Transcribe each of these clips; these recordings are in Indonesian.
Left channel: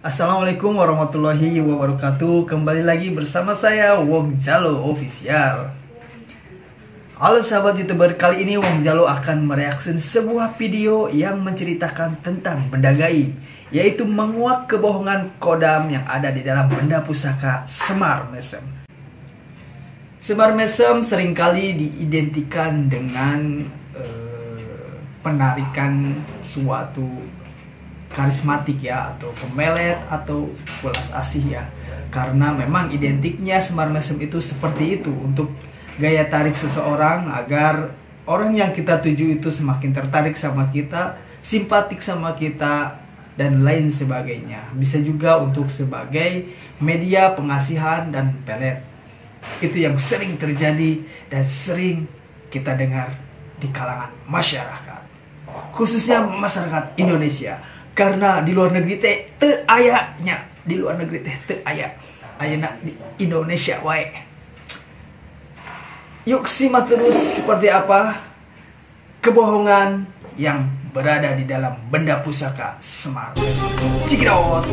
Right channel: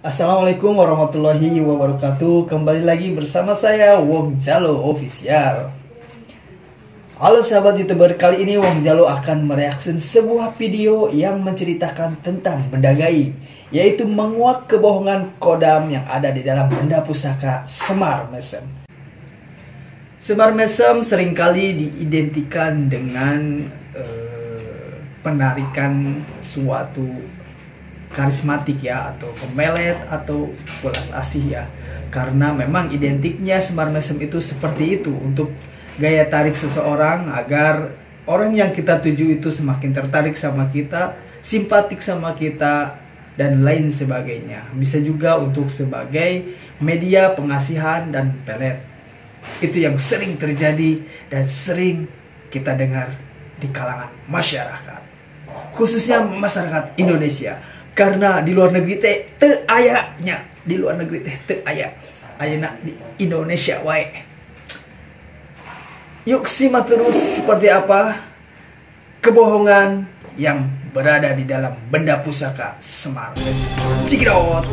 Assalamualaikum warahmatullahi wabarakatuh. Kembali lagi bersama saya Wong Jalo Official. Halo sahabat YouTuber, kali ini Wong Jalo akan mereaksi sebuah video yang menceritakan tentang benda gaib, yaitu menguak kebohongan kodam yang ada di dalam benda pusaka Semar Mesem. Semar Mesem seringkali diidentikan dengan penarikan suatu karismatik ya, atau pemelet atau welas asih ya, karena memang identiknya Semar Mesem itu seperti itu, untuk gaya tarik seseorang agar orang yang kita tuju itu semakin tertarik sama kita, simpatik sama kita, dan lain sebagainya. Bisa juga untuk sebagai media pengasihan dan pelet. Itu yang sering terjadi dan sering kita dengar di kalangan masyarakat, khususnya masyarakat Indonesia. Karena di luar negeri teh ayahnya, di luar negeri teh ayah ayana di Indonesia wae. Yuk simak terus seperti apa kebohongan yang berada di dalam benda pusaka Semar Mesem. Cikidot.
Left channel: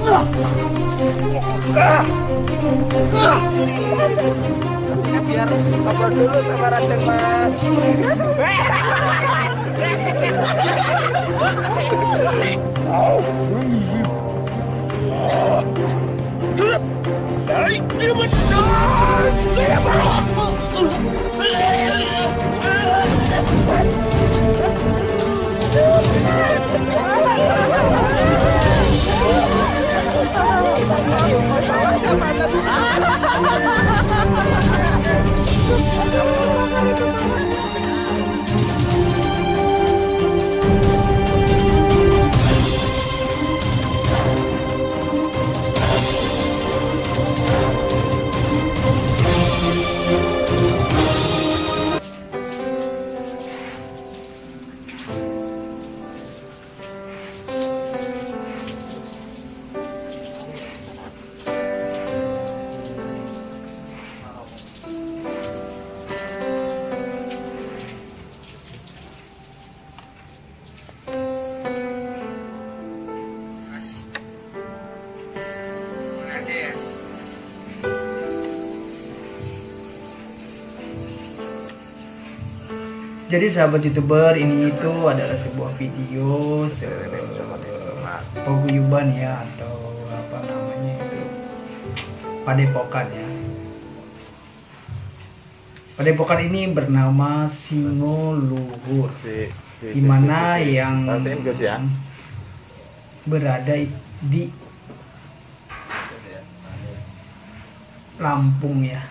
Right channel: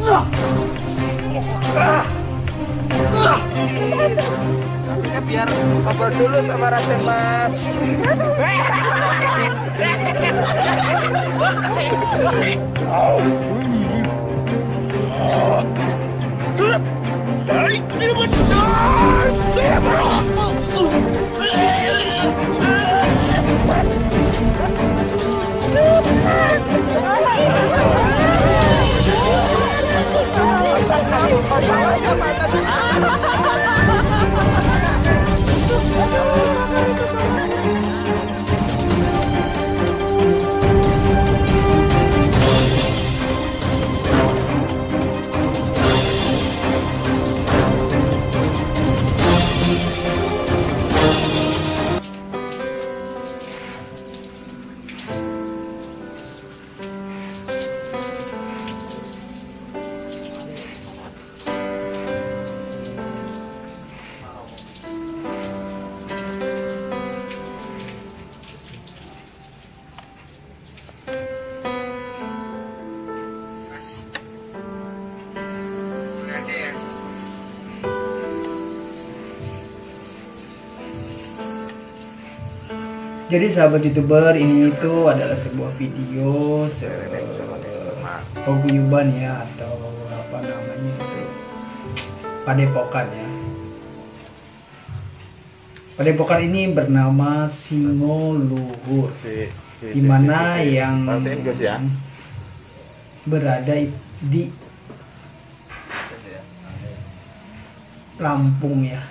Maksudnya biar ngobrol dulu sama Raden Mas. Jadi sahabat YouTuber, ini itu adalah sebuah video paguyuban ya, atau apa namanya itu, padepokan ya. Padepokan ini bernama Singo Luhur, di mana yang berada di Lampung ya.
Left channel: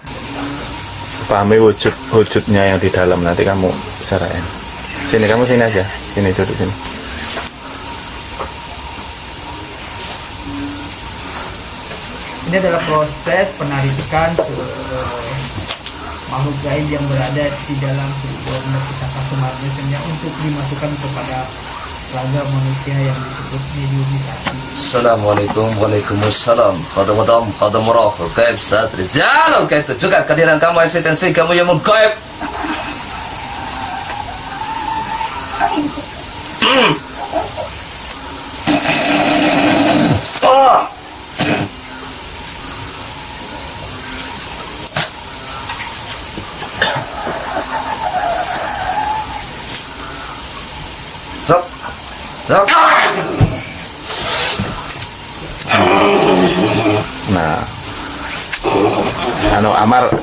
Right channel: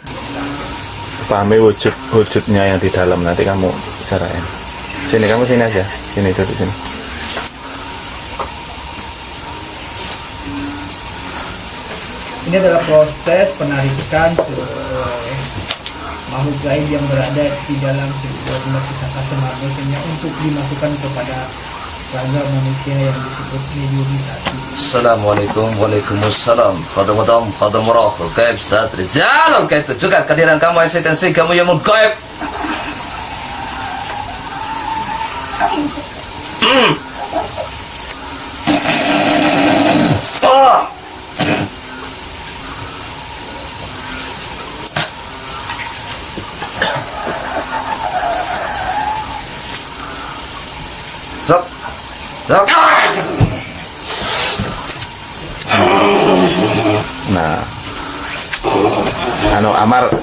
Pahami wujudnya yang di dalam, nanti kamu bicarain. Sini, kamu sini aja, sini, duduk sini. Ini adalah proses penarikan makhluk gaib yang berada di dalam sebuah benda pusaka Semar Mesem untuk dimasukkan kepada raga manusia yang disebut mediumisasi. Assalamualaikum, waalaikumsalam. Khadam murakhul gaib saat rijal. Kayak itu juga kehadiran kamu, eksistensi kamu yang gaib. Sok. Nah,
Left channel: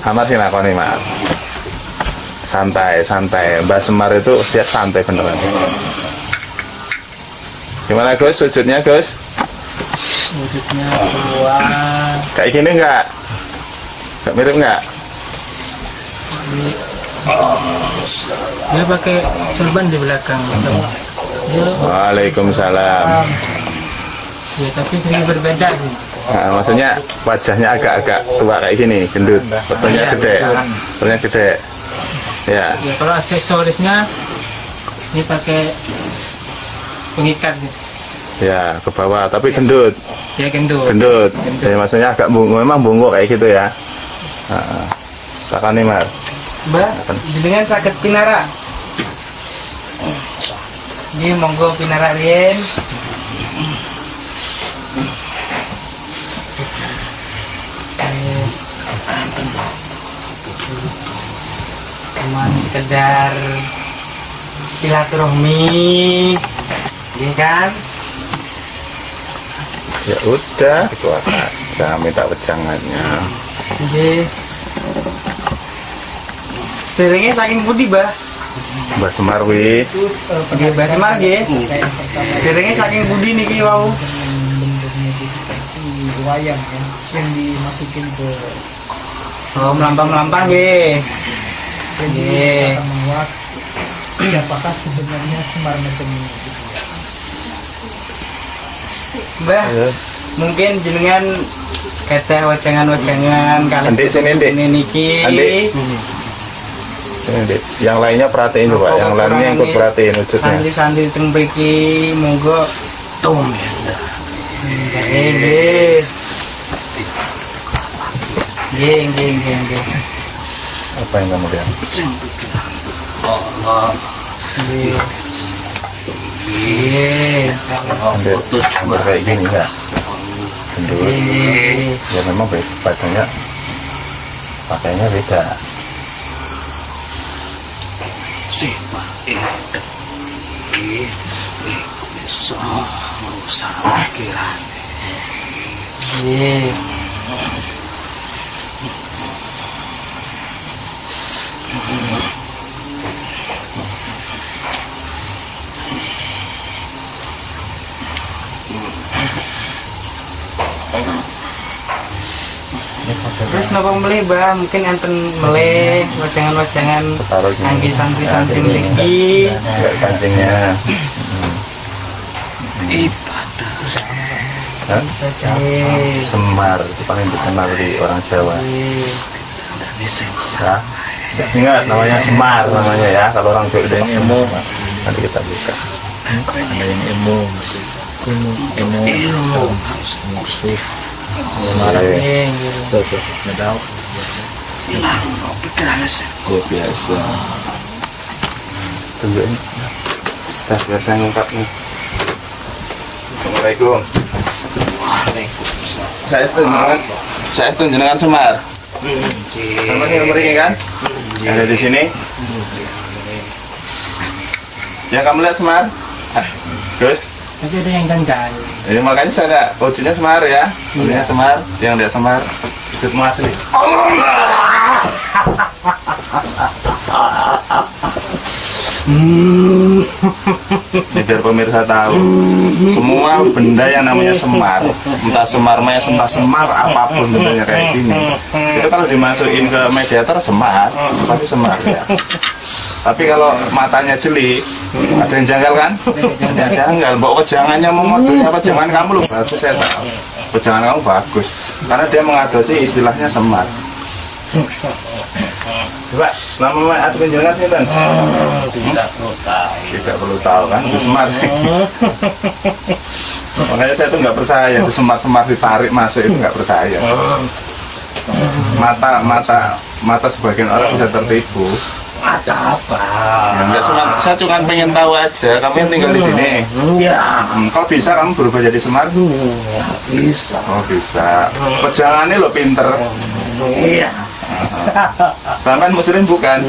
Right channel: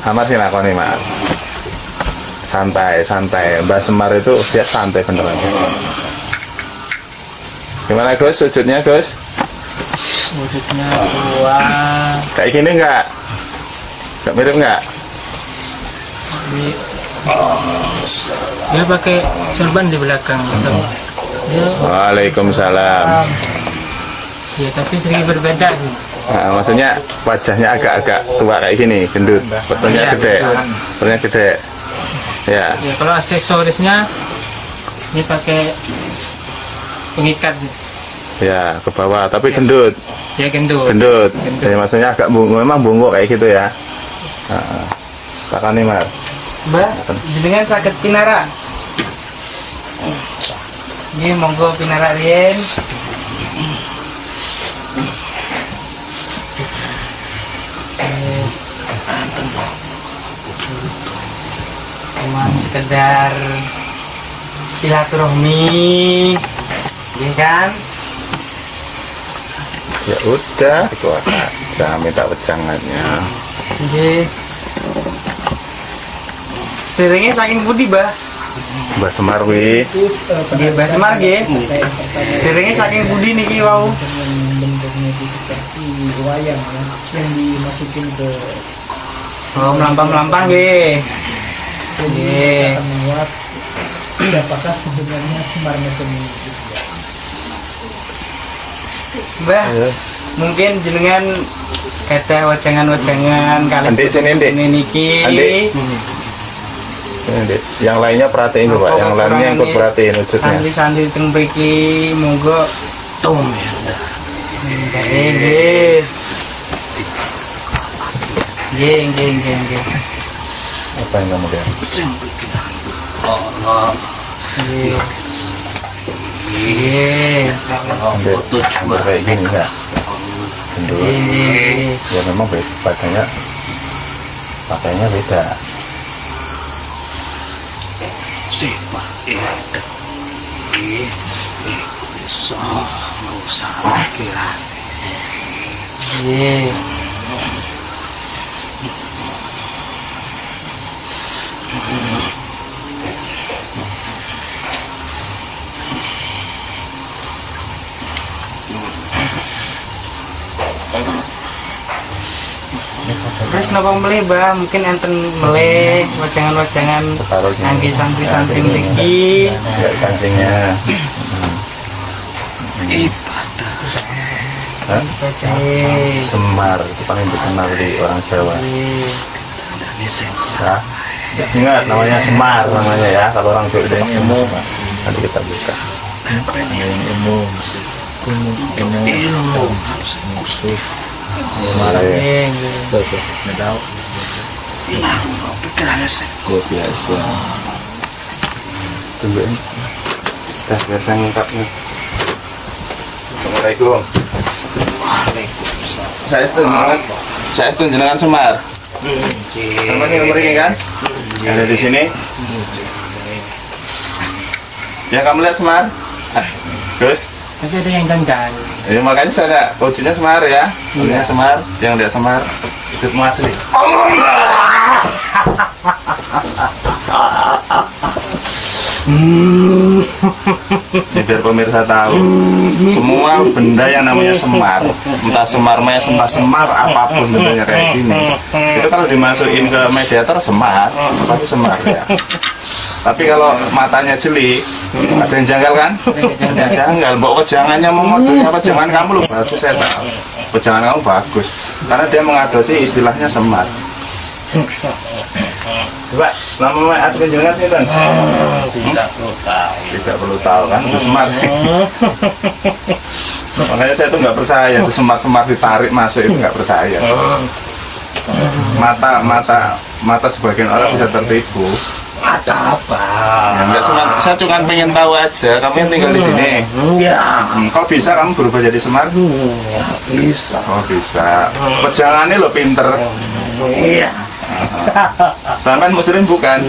Amar sih nakoni mak. Santai. Mbak Semar itu dia santai beneran. Gimana Gus, wujudnya Gus? Wujudnya kuat. Kayak gini nggak mirip nggak? Dia pakai sorban di belakang. Waalaikumsalam. Ya, tapi sedikit berbeda sih. Nah, maksudnya wajahnya agak-agak tua kayak gini, gendut, fotonya gede. Ya. Ya, kalau aksesorisnya ini pakai pengikat. Ya, ke bawah, tapi gendut. Ya, gendut. Ya, maksudnya agak memang bungkuk kayak gitu ya. Takkan nih Mas. Mbak, dengan sakit pinara. Ini monggo pinara rien. cuma sekedar silaturahmi, ya kan? Ya udah, itu aja minta wejangannya. Oke. Setirnya saking budi, Bah. Mbak Semar wi. Oke, Mbak Semar nggih. Setirnya saking budi niki wau. Bentuknya itu seperti wayang ya, yang dimasukin ke Oh, melampang-melampang nggih. jadi Nggih. akan menguat siapakah sebenarnya Semar Mesem ini gitu ya. Mbah, mungkin jenengan kata wajangan-wajangan kali Andik, sini, Andik. ini niki. Andik. Ini, Dek. Yang lainnya perhatiin coba, yang lainnya ikut perhatiin wujudnya. Santri-santri teng mriki monggo nggih. Nggih. Apa yang kamu lihat? Nggih. Nggih. Hampir kayak gini ya. Gendut. Nggih. Ya memang badannya pakainya beda. Nggih. Terus napa melih, Mbah? Mungkin enten melih wajangan-wajangan Separuh gini. kangge santri-santri mriki. Lihat kancingnya. Hah? Nggih. Semar itu paling dikenal di orang Jawa. Nggih. Ya. Ingat namanya Semar namanya ya. Kalau orang Jawa itu umum. Nanti kita buka. Semar. Nggih. Biasa. Tungguin. Biar saya ngungkap nih. Assalamualaikum. Saya itu jenengan Semar. Sama nih nomor ini kan? Yang ada di sini. Yang kamu lihat Semar? Terus? Tapi ada yang ganggang. Ya, makanya saya ada wujudnya Semar ya. Wujudnya Semar. Yang lihat Semar. Wujudmu asli. Ini biar pemirsa tahu, semua benda yang namanya semar, entah semar mes, entah semar apapun bentuknya kayak gini, itu kalau dimasukin ke mediator semar, pasti semar ya. Tapi kalau matanya jeli, ada yang janggal kan? Ya, janggal. Bawa wejangannya mau ngodonya wejangan kamu lu bagus, saya tahu. Wejangan kamu bagus, karena dia mengadopsi istilahnya semar. Coba, nama asli jenengan sih kan? Tidak perlu tahu kan? Itu semar. Makanya saya tuh nggak percaya, itu semar-semar ditarik masuk itu nggak percaya. Mata sebagian orang bisa tertipu. Ada apa? Ya, enggak, saya cuma pengen tahu aja. Kamu yang tinggal di sini. Ya, Kok bisa kamu berubah jadi semar? bisa. Oh bisa. Pejangannya lo pinter. Iya. Sampai Muslim bukan?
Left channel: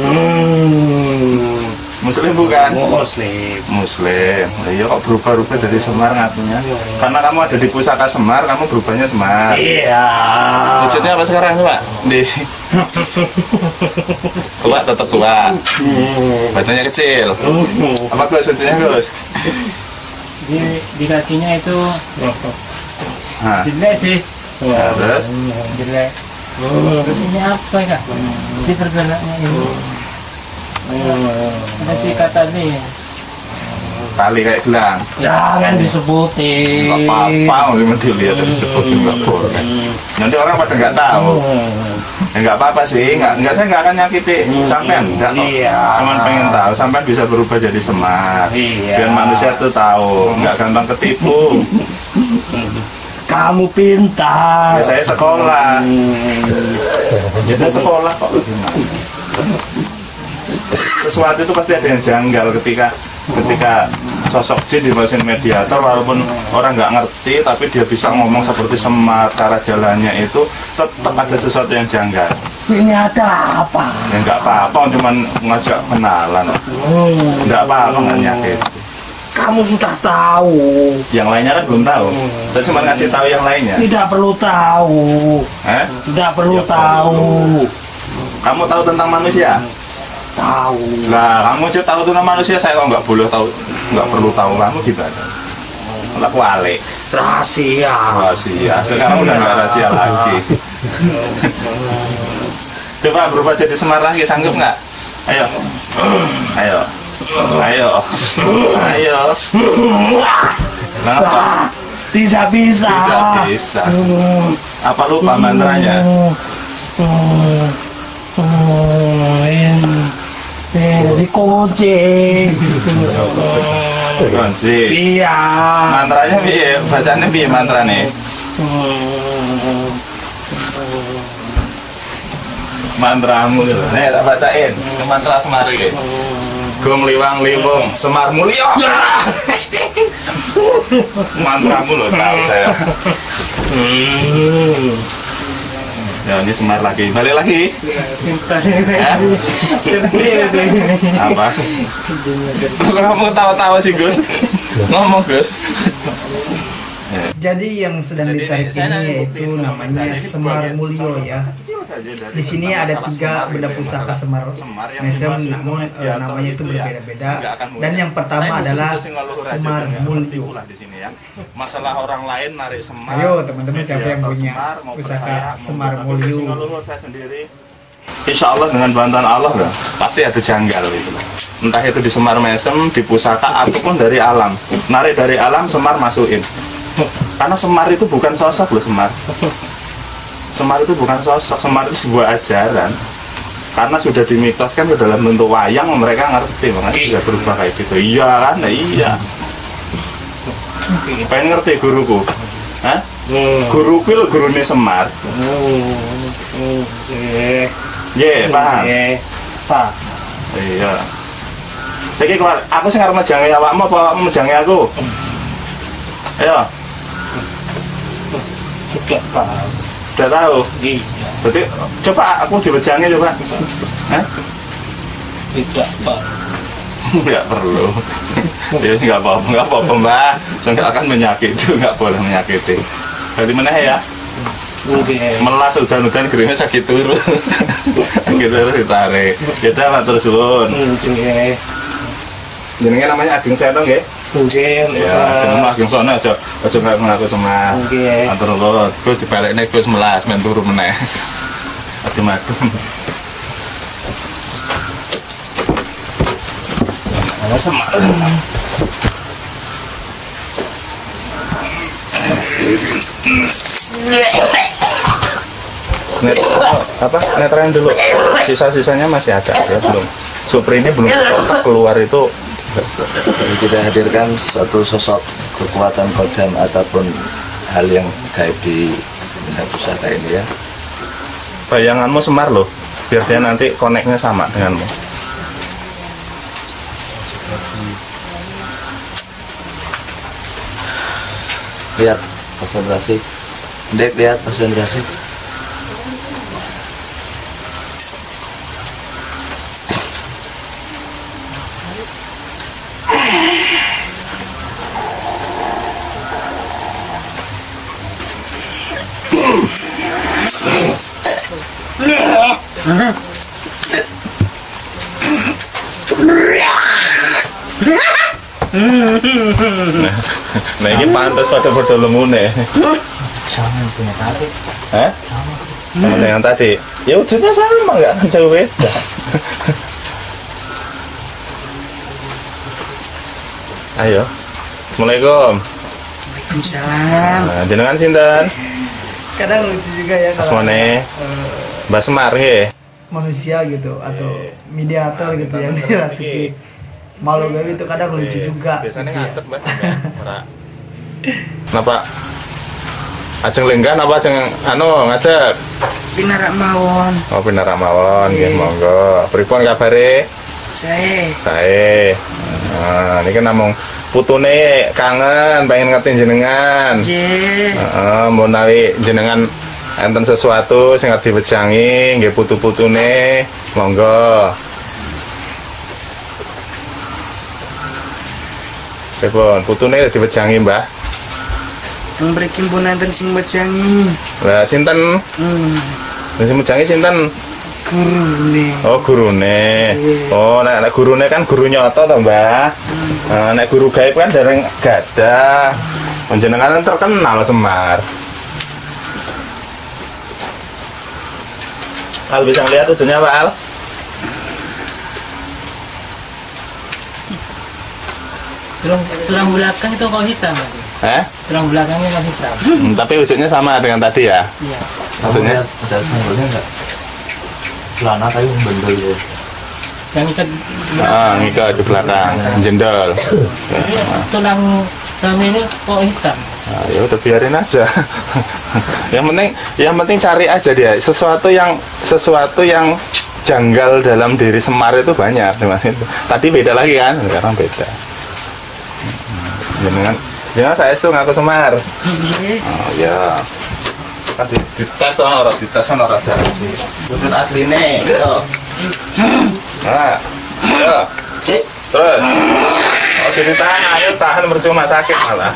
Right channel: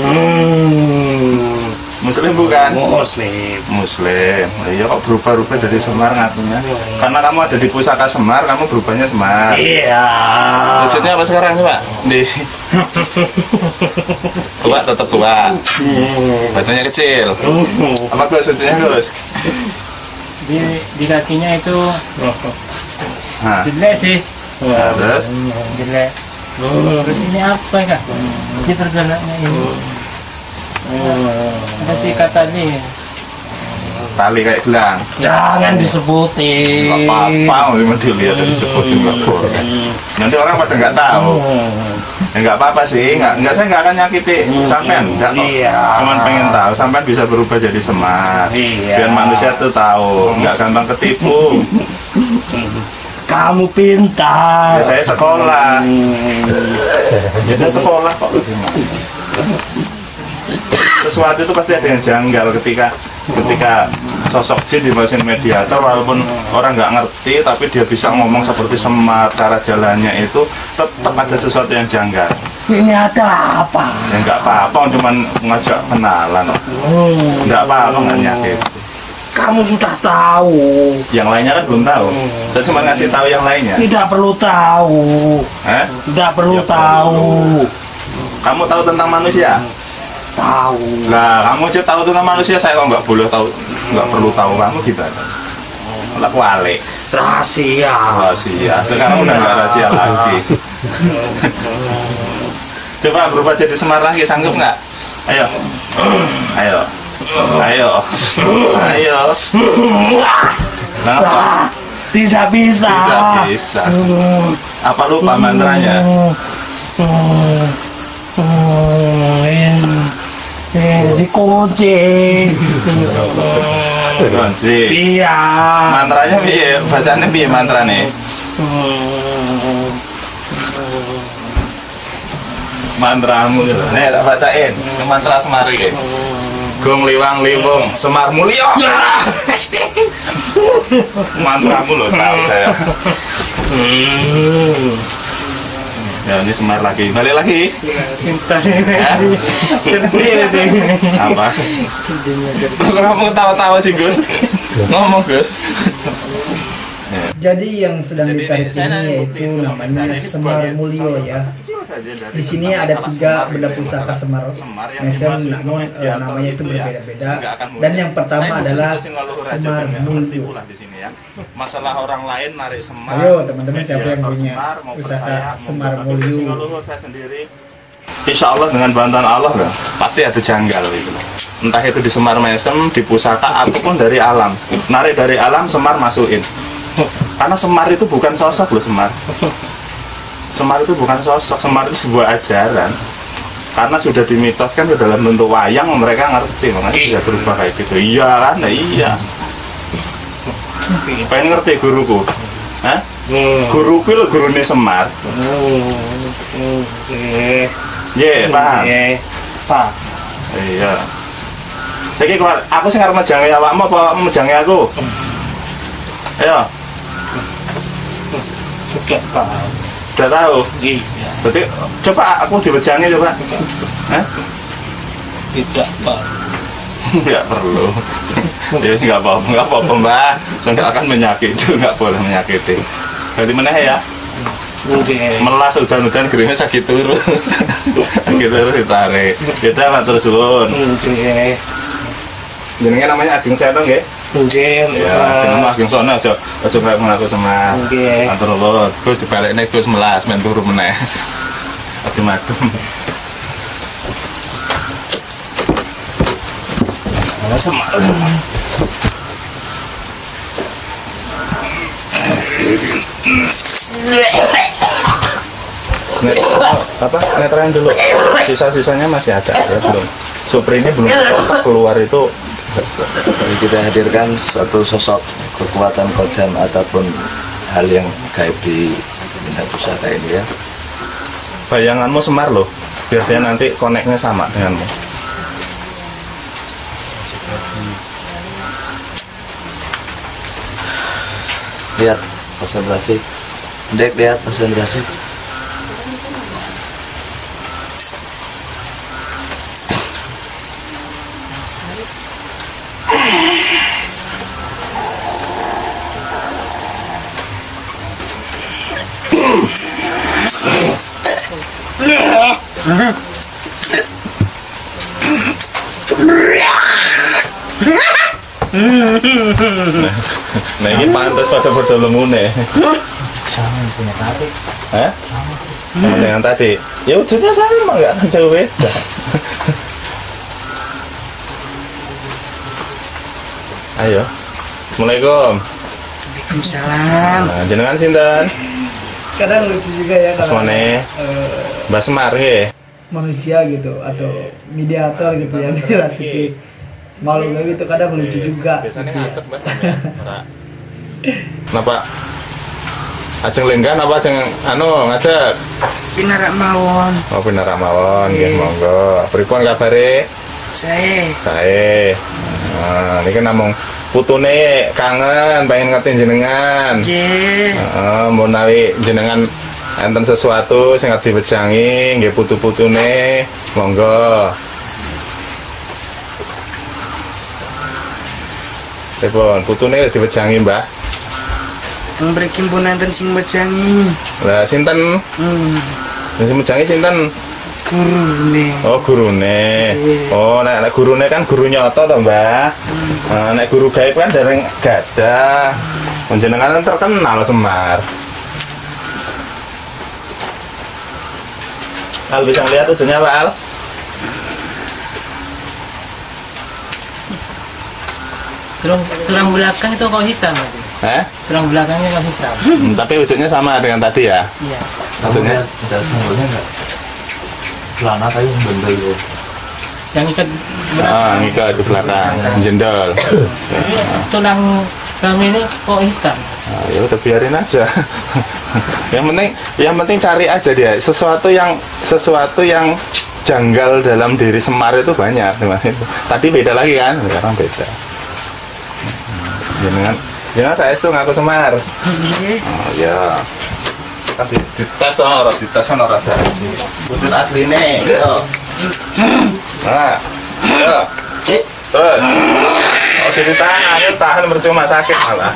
Muslim bukan? Muslim. Muslim. Iya kok berubah-ubah dari Semar ngakunya? Karena kamu ada di pusaka Semar, kamu berubahnya Semar. Iya. Wujudnya apa sekarang Pak? Di tua tetap tua. Badannya kecil. Apa Gus wujudnya Gus? Di kakinya itu Nah, jelek sih. terus Jelek. Terus ini apa ya? Ini pergelangannya ini. Ada sih kata nih. tali kayak gelang. Jangan disebutin. Nggak apa-apa, memang dilihat dan disebutin nggak boleh. Nanti orang pada nggak tahu. Ya nggak apa-apa sih, saya nggak akan nyakiti sampean, nggak kok. Cuman pengen tahu, sampean bisa berubah jadi semar. Biar manusia tuh tahu, nggak gampang ketipu. Kamu pintar. Ya saya sekolah. Ya saya sekolah kok. sesuatu itu pasti ada yang janggal ketika sosok jin dimasukin mediator, walaupun orang nggak ngerti tapi dia bisa ngomong seperti Semar, cara jalannya itu tetap ada sesuatu yang janggal. Ini ada apa? Ya nggak apa-apa, cuman ngajak kenalan. Nggak apa-apa, nggak nyakit. Kamu sudah tahu. Yang lainnya kan belum tahu. Saya cuma ngasih tahu yang lainnya. Tidak perlu tahu. Tidak perlu Ya, tahu. Kamu tahu tentang manusia? Tahu. Lah, kamu aja tahu tentang manusia, saya kok nggak boleh tahu, nggak perlu tahu, kamu gimana? Lah kualik. Rahasia. Rahasia. Sekarang udah nggak rahasia lagi. Coba berubah jadi Semar lagi, sanggup nggak? Ayo, ayo, ayo, ayo. Kenapa? Tidak bisa. Tidak bisa. Apa lupa mantranya? Dikunci. Kunci. Iya. Mantranya piye? Bacanya piye mantrane? Mantramu gitu. Nih tak bacain. Mantra Semar iki. Gong liwang liwung Semar mulya. Mantramu loh tahu saya. Ya ini Semar lagi. Balik lagi. Ya? Apa? Kamu tahu-tahu sih Gus. Ngomong Gus. Jadi yang sedang ditarik ini yaitu namanya Semar Mulyo ya. Di sini ada 3 benda pusaka Semar Mesem, namun namanya itu berbeda-beda. Dan yang pertama adalah Semar Mulyo. Masalah orang lain narik Semar. Ayo teman-teman, siapa yang punya pusaka Semar Mulyo? Insya Allah dengan bantuan Allah lah, pasti ada janggal itu. Entah itu di Semar Mesem, di pusaka ataupun dari alam. Narik dari alam, Semar masukin. Karena Semar itu bukan sosok loh, Semar. Semar itu bukan sosok, Semar itu sebuah ajaran. Karena sudah dimitoskan ke dalam bentuk wayang, mereka ngerti, makanya bisa berubah kayak gitu. Iya kan? Nah, iya. Pengen ngerti guruku? Hah? Guruku lo gurune Semar. Paham? Pak. Iya. Saiki aku sing arep mejangi awakmu apa awakmu mejangi aku? Ayo. Sudah Pak. Udah tahu? Iya. Berarti coba aku dibejangi coba. Hah? Tidak Pak. Nggak perlu. Ya nggak apa-apa Mbak. Saya nggak akan menyakiti, nggak boleh menyakiti. Berarti mana ya? Melas udan-udan geringnya sakit turu. Sakit turu ditarik. Kita matur suwun. Jenenge namanya Ageng Senong nggih? Nggih. Ya, jenenge Ageng Sono aja nggak ngaku Semar. Nggih. Matur nuwun. Gus dibalekne Gus melas men turu meneh. Adem-adem. Semar. Netrain dulu. Sisa-sisanya masih ada ya, belum. Supri ini belum keluar itu. Jadi kita hadirkan suatu sosok kekuatan kodam ataupun hal yang gaib di benda pusaka ini ya. Bayanganmu Semar loh, biar dia nanti koneknya sama denganmu. Lihat konsentrasi. Dek, lihat konsentrasi. Nah ini pantas pada berdolemune. Sama yang punya tadi. Hah? Sama dengan tadi. Ya ujungnya sama, nggak akan jauh beda. Ayo. Assalamualaikum. Waalaikumsalam. Nah, jenengan sinten? Kadang lucu juga ya kalau Asmane Mbak Semar nggih. manusia gitu atau mediator gitu yang dirasuki malu gawe itu kadang lucu juga. Biasanya gitu ya. ngantuk Mbak. Kenapa? Ajeng lenggan apa ajeng ngadeg? Pinarak mawon. Oh pinarak mawon nggih monggo. Pripun kabare? Sae. Nah, ini kan namung putune kangen pengen ngerti jenengan. Mau nawi jenengan enten sesuatu sing diwejangi nggih putu-putune monggo. Telepon putune diwejangi, Mbah. Mriki pun enten sing wejangi. Lah sinten? Sing wejangi sinten? Gurune. Oh, gurune. Oh, nek gurune kan guru nyoto to, Mbah. Nek guru gaib kan dereng gadah. Panjenengan terkenal Semar. Al bisa melihat ujungnya Pak Al? Tulang belakang itu kok hitam, Pak? Tulang belakangnya kok hitam. Tapi ujungnya sama dengan tadi ya? Iya. Ujungnya ada sambalnya enggak? Celana kayu bendel ya. Yang ikat ngikat di belakang, jendol. tulang kami ini kok hitam. Nah, ya udah biarin aja. yang penting cari aja dia sesuatu yang janggal dalam diri Semar itu banyak. Tadi beda lagi kan, sekarang beda. Jangan saya itu ngaku Semar. Oh ya. Kan dites orang ada wujud aslinya. Nah, terus. Oh, sini tahan percuma sakit malah.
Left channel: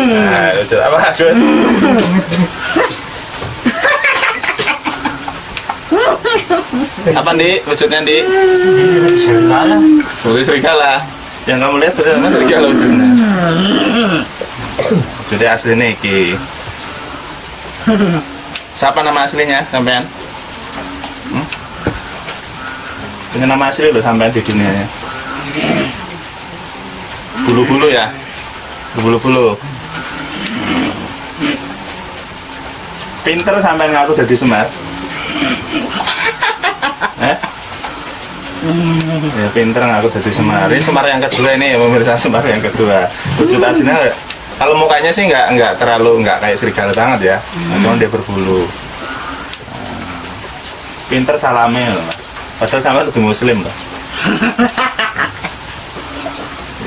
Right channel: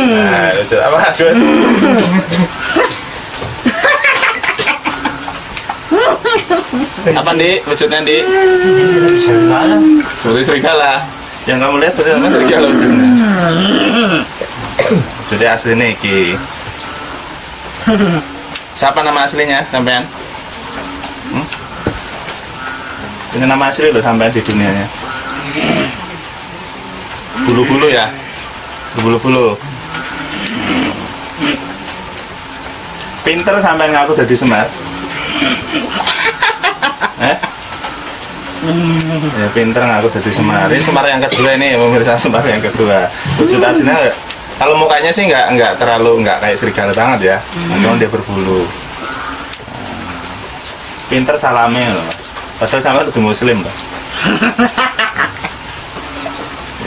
Nah, wujud apa Gus? Apa Di? Wujudnya Di? Serigala. Seperti serigala. Yang kamu lihat benar serigala wujudnya. Wujudnya asli nih Ki. Siapa nama aslinya sampean? Punya nama asli loh sampean di dunianya. Bulu-bulu ya. Bulu-bulu. Pinter sampean ngaku jadi Semar. Ya pinter ngaku jadi Semar. Ini Semar yang kedua ini, pemirsa, Semar yang kedua. Wujud aslinya kalau mukanya sih nggak terlalu kayak serigala banget ya. Cuma dia berbulu. Pinter salamnya loh. Padahal sama lebih muslim loh.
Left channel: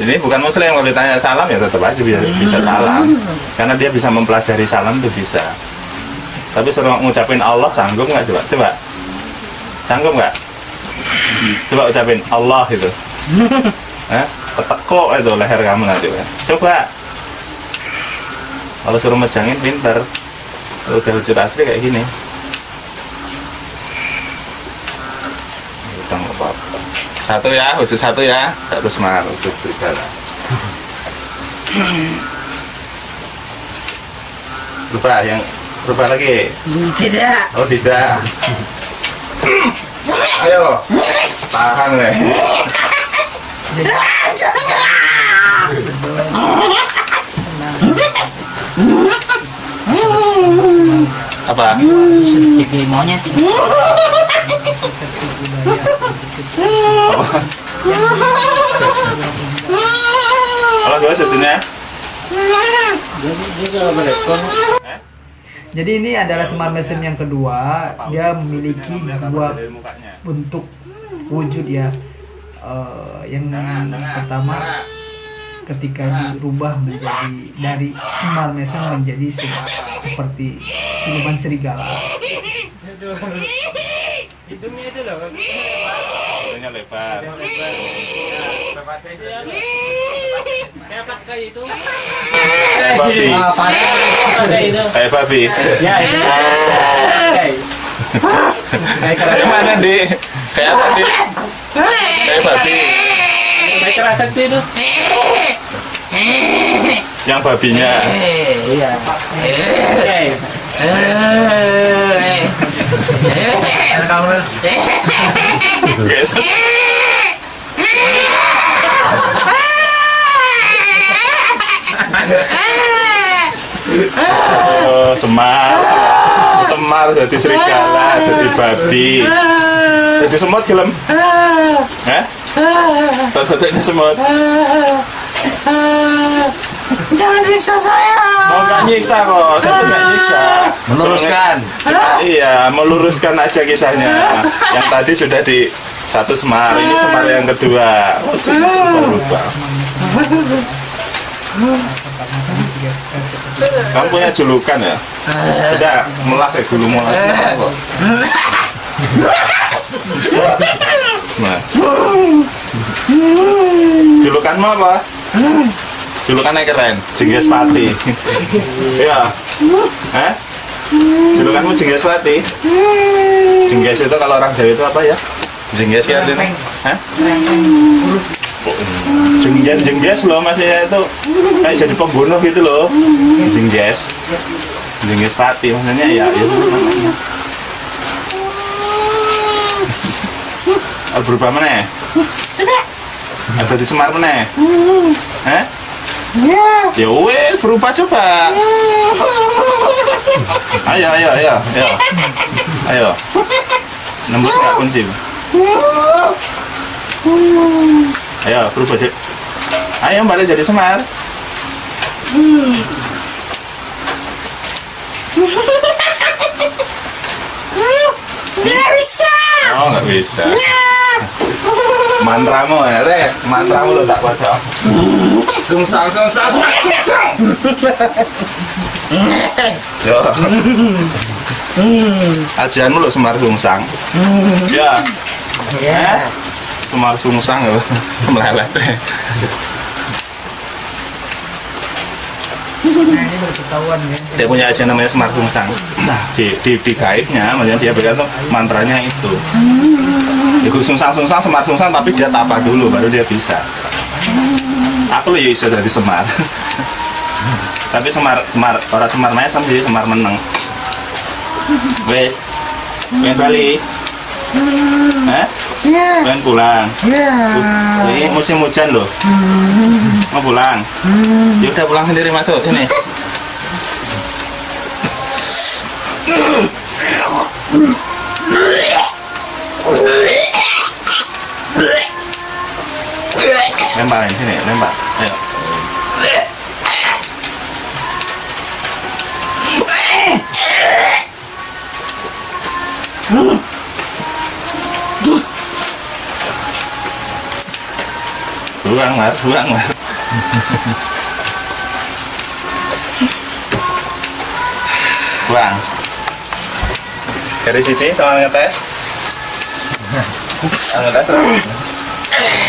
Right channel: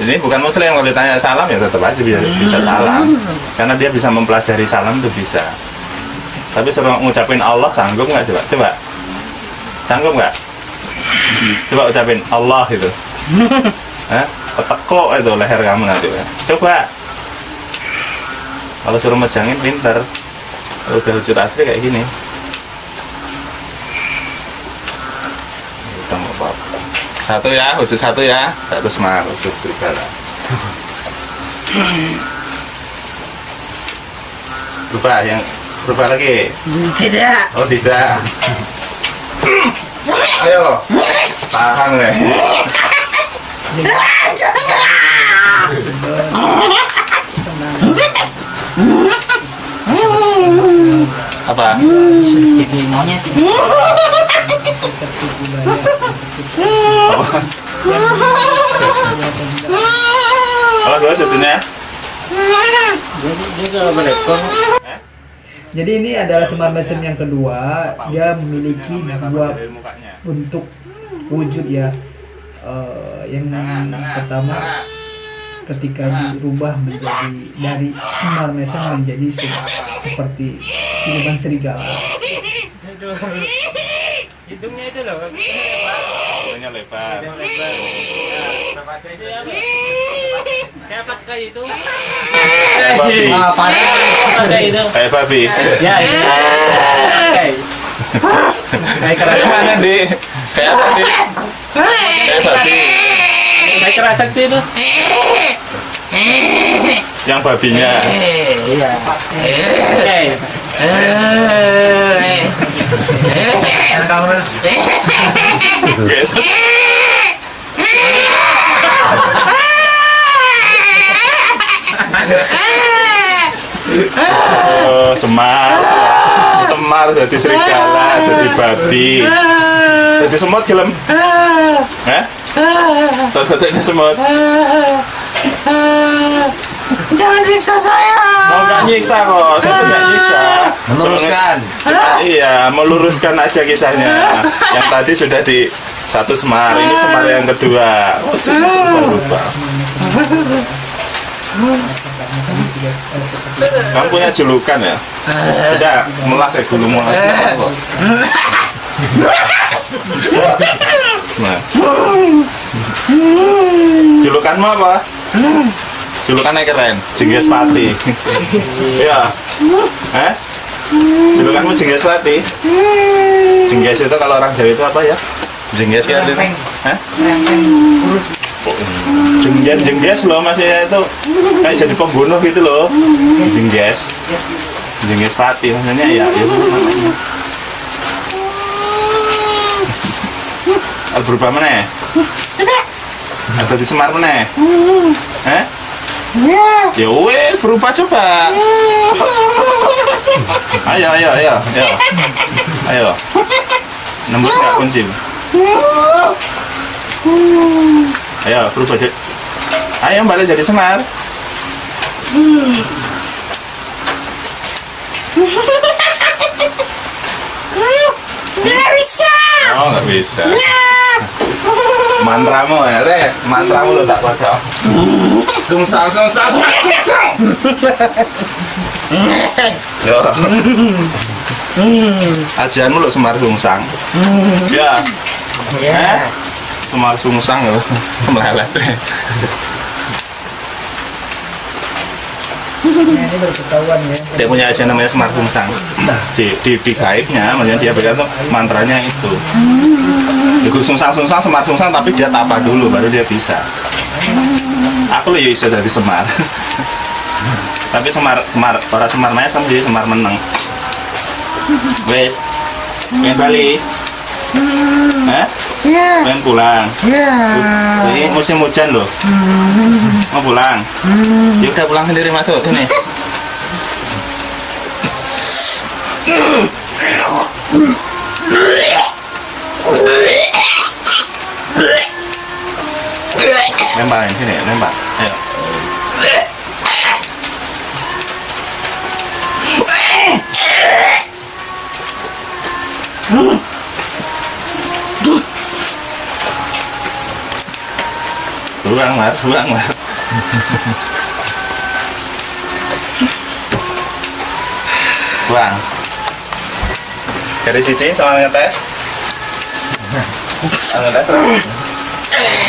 Ini bukan muslim, kalau ditanya salam ya tetap aja bisa salam. Karena dia bisa mempelajari salam itu bisa. Tapi suruh ngucapin Allah sanggup nggak coba? Coba. Sanggup nggak? Coba ucapin Allah itu. Ketekuk itu leher kamu nanti. Coba. Kalau suruh mejangin pinter. Kalau udah wujud asli kayak gini. Satu ya, wujud satu ya. Satu Semar, wujud serigala. Berubah lagi? Tidak. Oh tidak. Ayo, tahan nih. Apa? Jadi monyet. Kalau gue sejujurnya. Dia kalau berekor. Jadi ini adalah Semar Mesem yang kedua. Dia memiliki dua bentuk wujud ya. Yang pertama ketika dirubah menjadi dari Semar Mesem menjadi seperti siluman serigala. Hidungnya itu loh. Hidungnya lebar. Kayak pakai itu. Kayak babi. Pakai itu. Kayak babi. Ya itu. Kayak mana Di? Kayak tadi. Kayak babi. Kayak kerasa itu. Yang babinya. Iya. Oke. Geser. Oh, Semar jadi serigala, jadi babi, jadi semut gelem. Satu-satunya semut. Jangan siksa saya. Oh, nggak nyiksa kok, saya tuh nggak nyiksa. Meneruskan. Iya, meluruskan aja kisahnya. Yang tadi sudah di satu Semar, ini Semar yang kedua. Oh, berubah. Kamu punya julukan ya? Tidak, melas ya dulu melas kok. Nah. Julukanmu apa? Julukannya keren, Jengges Pati. Iya. Julukanmu Jengges Pati. Jengges itu kalau orang Jawa itu apa ya? Jengges ya artinya? Jengges loh, maksudnya itu kayak jadi pembunuh gitu loh. Jengges Pati maksudnya ya itu namanya. Berubah mana? Atau di Semar mana? Ya wes berubah coba. Ayo. Nembus nggak kunci? Ayo berubah deh. Ayo balik jadi Semar. Nggak bisa. Oh nggak bisa. Mantramu ya, mantramu lo tak baca. Sungsang. Yo. Ajaanmu lo Semar Sungsang. Ya. Semar Sungsang lo. Melelet. Nah, ini berketahuan ya. Dia punya ajian namanya Semar Sungsang. Di gaibnya, maksudnya dia berkata mantranya itu. Itu Sungsang, Semar Sungsang, tapi dia tapa dulu baru dia bisa. Aku lo ya bisa dari Semar. Tapi Semar orang Semar Mesem sih, Semar meneng. Wes, pengen balik? Pengen pulang? Ini musim hujan loh. Mau pulang? Ya udah pulang sendiri, masuk sini. Lemparin sini, lempar. Ayo. Buang Mar. Buang. Dari sisi sama ngetes. Ngetes.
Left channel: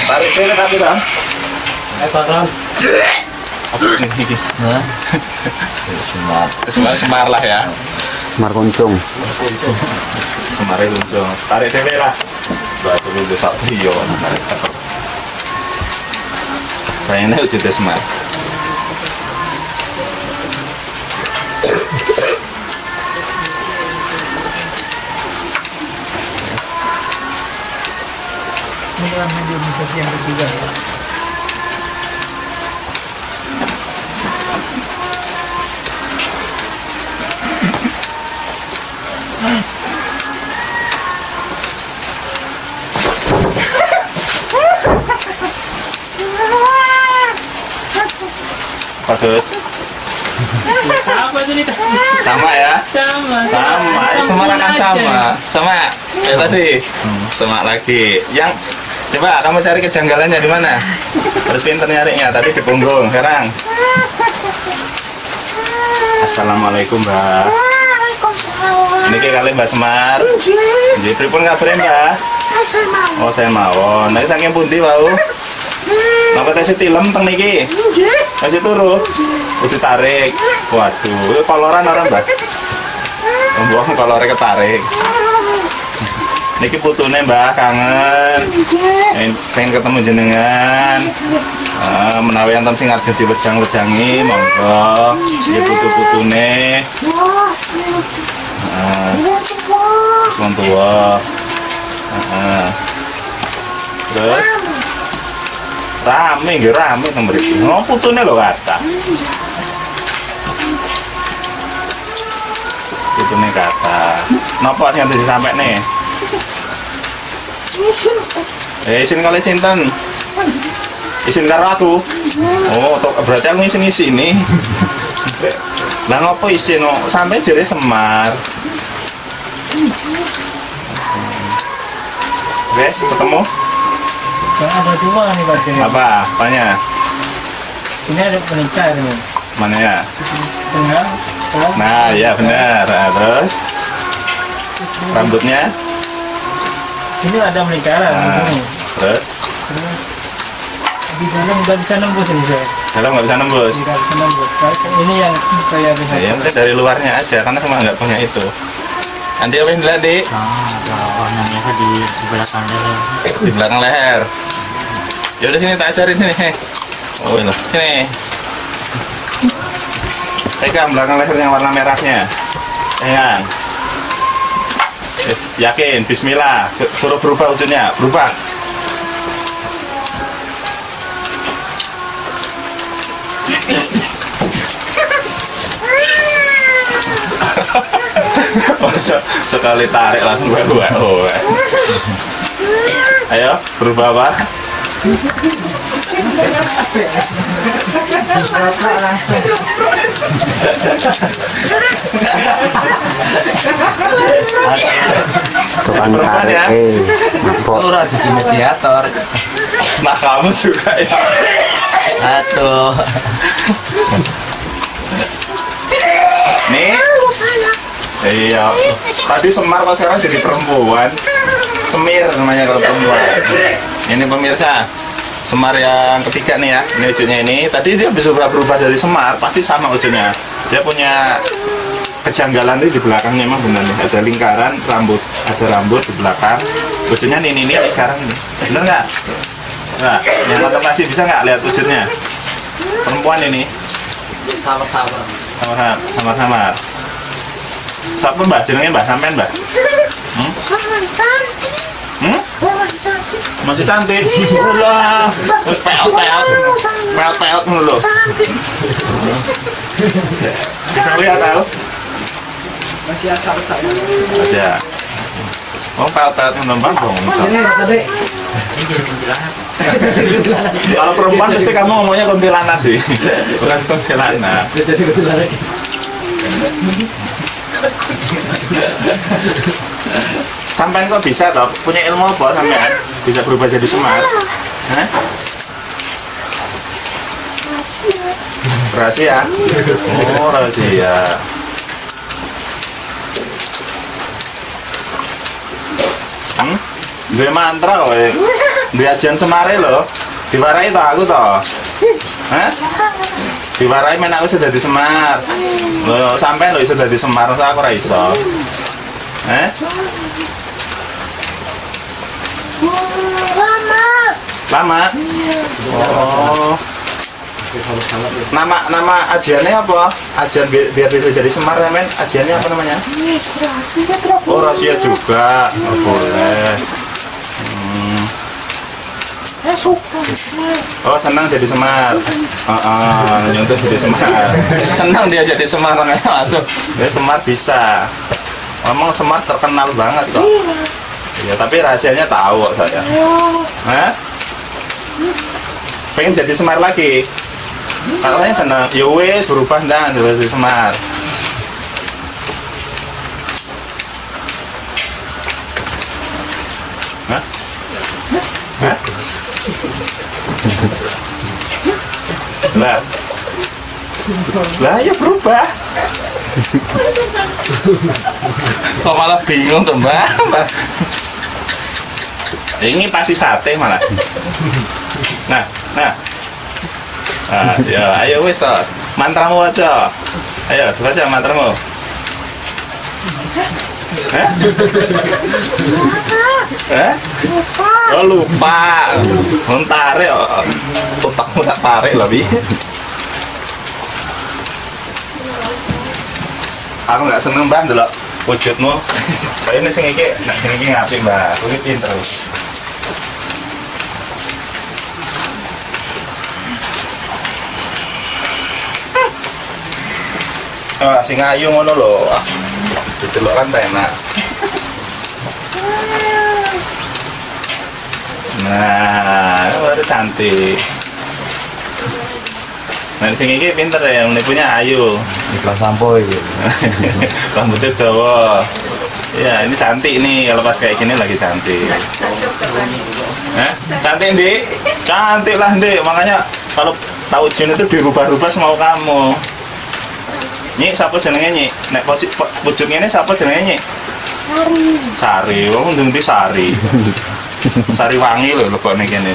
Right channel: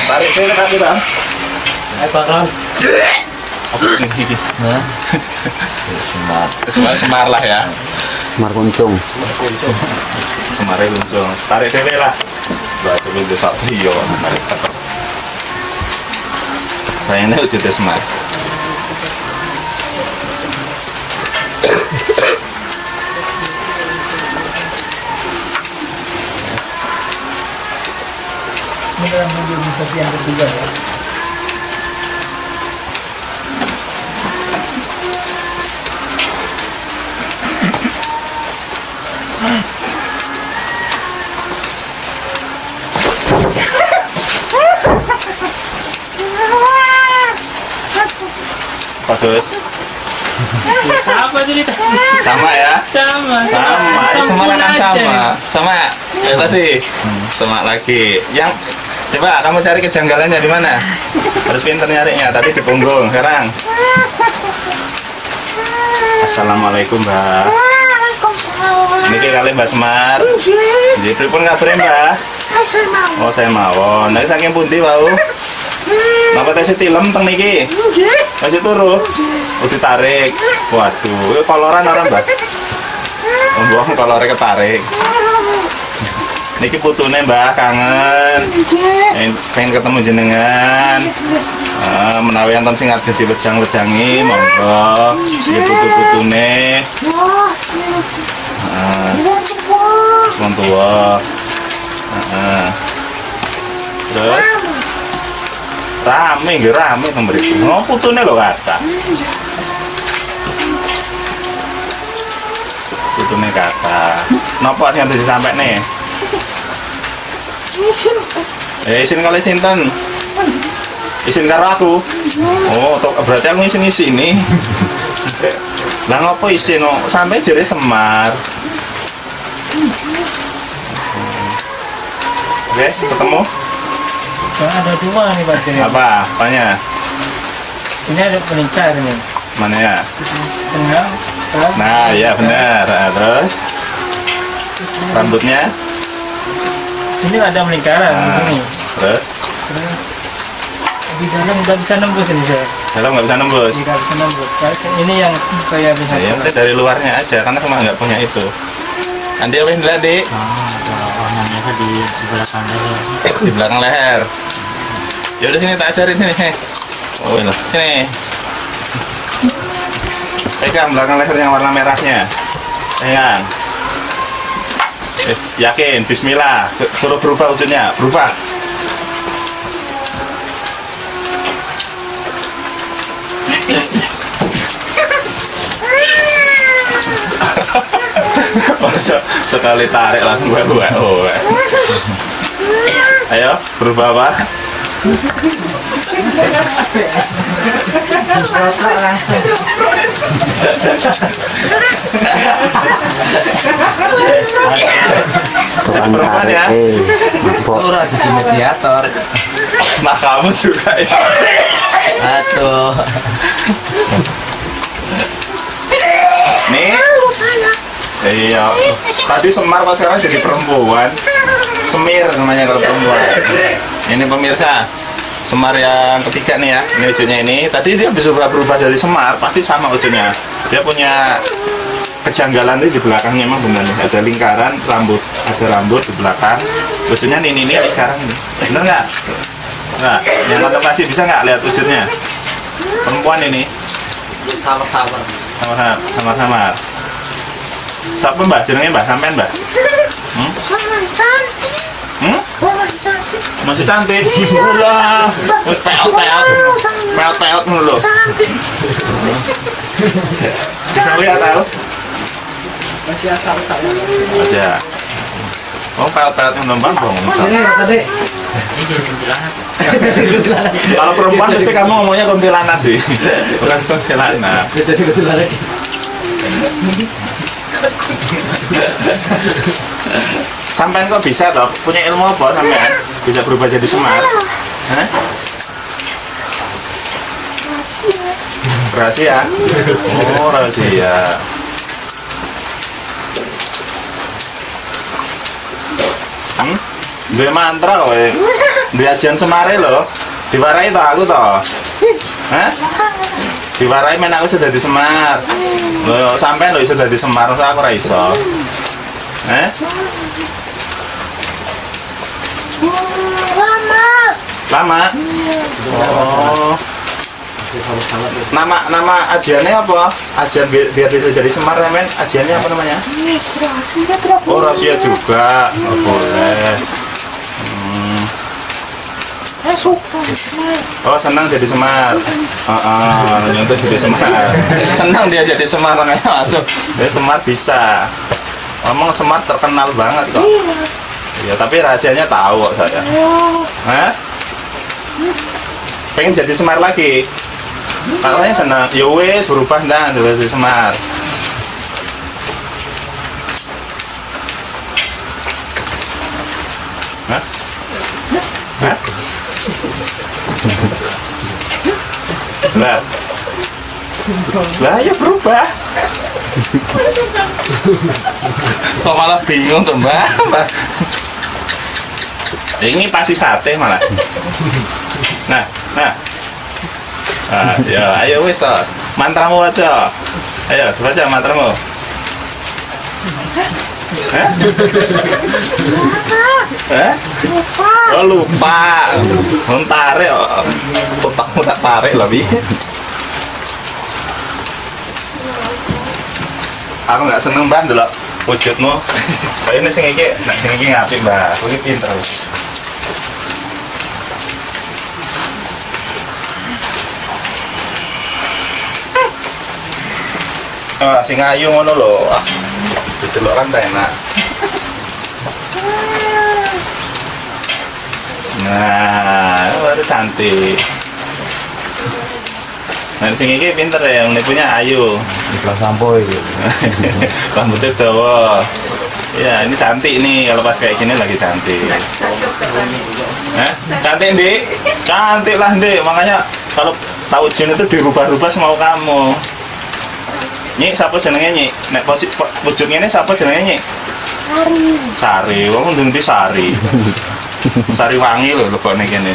Tarik sini tapi dong. Bakal. Apa ini? Semar lah ya. Semar kuncung. Kemarin kuncung. Tarik sini lah. Batu lu besok trio. Kayaknya udah Semar. Ini dalam mobil Misaki yang ketiga ya. Bagus. Apa cerita? Sama ya? Sama. Semua akan sama ya tadi. Sama lagi. Yang coba kamu cari kejanggalannya di mana? Harus pintar nyarinya. Tadi di punggung. Sekarang. Assalamualaikum Mbak. Waalaikumsalam. Niki kali Mbak Semar. Nggih, pripun kabare Mbak? Saya mau. Oh, saya mawon. Nek saking pundi wau? Napa tes tilem teng niki? Nggih. Masih turu? Udah tarik. Waduh, itu koloran orang Mbak. Mbak kolornya ketarik. Niki putune Mbak kangen. Pengen ketemu jenengan. Menawi enten sing arep diwejang-wejangi, monggo. Iki putu-putune. Wong tuwa. Terus rame teng mriki. Oh, putune lho kata. Putune kata. Napa sing arep disampekne? Isin kali sinten? Isin karo aku. Oh, berarti aku ngisi ini. Lah ngopo isin no? Sampai jere Semar. Guys, ketemu? Ada dua nih Pak. Apa? Apanya? Ini ada pelingkar nih. Mana ya? Tengah. Nah, ya benar. Nah, terus rambutnya? Ini ada melingkaran Nah, ini. terus Di dalam nggak bisa nembus ini saya. dalam nggak bisa nembus. Nggak bisa nembus. Ini yang saya bisa. Ya, yang penting dari luarnya aja, karena semua nggak punya itu. Andi apa yang dilihat, Dik? Ada ornamennya di belakang leher. Di belakang leher. Ya udah sini tak ajarin sini. Oh ini sini. Pegang belakang leher yang warna merahnya. Pegang. Yakin, Bismillah. Suruh berubah ujungnya, berubah. Sekali tarik langsung gue. Ayo, berubah apa? Tukang Perempuan ya? Ora jadi mediator. Nah kamu juga ya. Aduh. Nih. Iya. Tadi Semar kok sekarang jadi perempuan. Semir namanya kalau perempuan. Ini pemirsa. Semar yang ketiga nih ya. Ini wujudnya ini. Tadi dia bisa berubah dari Semar, pasti sama wujudnya. Dia punya kejanggalan di belakangnya emang benar nih. Ada lingkaran rambut, ada rambut di belakang. Wujudnya ini sekarang ini. Bener nggak? Nah, yang nonton masih bisa nggak lihat wujudnya? Perempuan ini. Sama-sama. Sama-sama. Siapa Mbak? Jenengnya Mbak sampean Mbak? Masih cantik. Ulah. Peot dulu. Bisa lihat tahu? Masih asal-asal. Ada. Oh, peot nembang dong. Kalau perempuan pasti kamu ngomongnya kuntilanak sih. Bukan kuntilanak. Jadi kuntilanak. Sampean kok bisa toh? Punya ilmu apa sampean? Bisa berubah jadi Semar? Hah? Rahasia. Oh, rahasia. Dua mantra kok. Di ajian Semare loh. Diwarai toh aku toh. Hah? Diwarai men aku sudah di Semar. Loh, sampai lo sudah di Semar, aku ora iso. Lama. Oh. Nama ajiannya apa? Ajian biar bisa jadi Semar ya men. Ajiannya apa namanya? Oh, rahasia juga. Oh, boleh. Oh, senang jadi Semar. Nyontoh jadi Semar. Senang dia jadi Semar, makanya masuk. Dia Semar bisa. Ngomong Semar terkenal banget kok. Ya, tapi rahasianya tahu kok saya. Hah? Pengen jadi Semar lagi? Katanya senang. Ya wes berubah dan jadi Semar. Hah? Hah? Lah ya berubah. Kok malah bingung tuh Mbak? Ini pasti sate malah. Nah, ya ayo wis toh. Mantramu aja. Ayo baca mantramu. Oh lupa. Tarik otakmu tak tarik lebih. Aku nggak seneng Mbak delok wujudmu. Kayaknya sing iki ngapik Mbak. Aku iki pinter. Wah, sing ayu ngono lho. Didelok kan enak. Nah, baru cantik. Nah sing iki pinter ya, menipunya ayu. Iklan sampo itu. Rambutnya dawa. Ya ini cantik nih, kalau pas kayak gini lagi cantik. Cantik Dik? Cantik lah Dik, makanya kalau tahu jin itu dirubah-rubah semau kamu. Nyik, siapa jenenge Nyik? Nek wujudnya ini siapa jenenge Nyik? Sari, wong ndeng Sari. Sari wangi loh kok nek kene.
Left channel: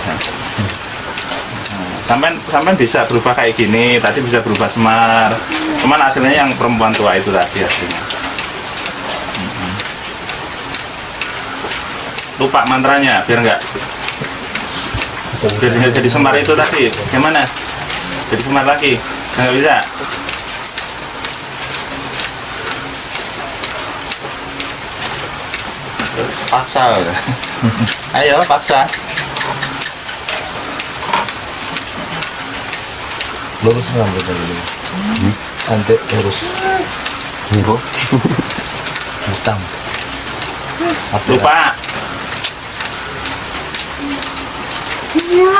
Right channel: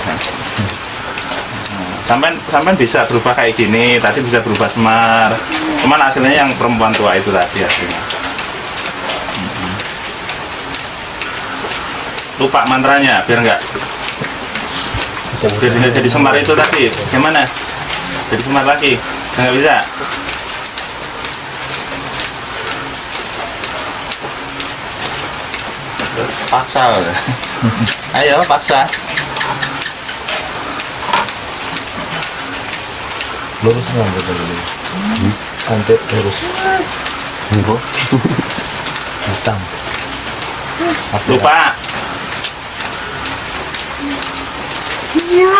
Sampai bisa berubah kayak gini, tadi bisa berubah Semar. Cuman hasilnya yang perempuan tua itu tadi hasilnya. Lupa mantranya, biar nggak jadi Semar itu tadi. Gimana? Jadi Semar lagi, nggak bisa. Paksa. Ayo paksa. Lurus rambut dulu. Cantik lurus. Hitam. Lupa. Iya.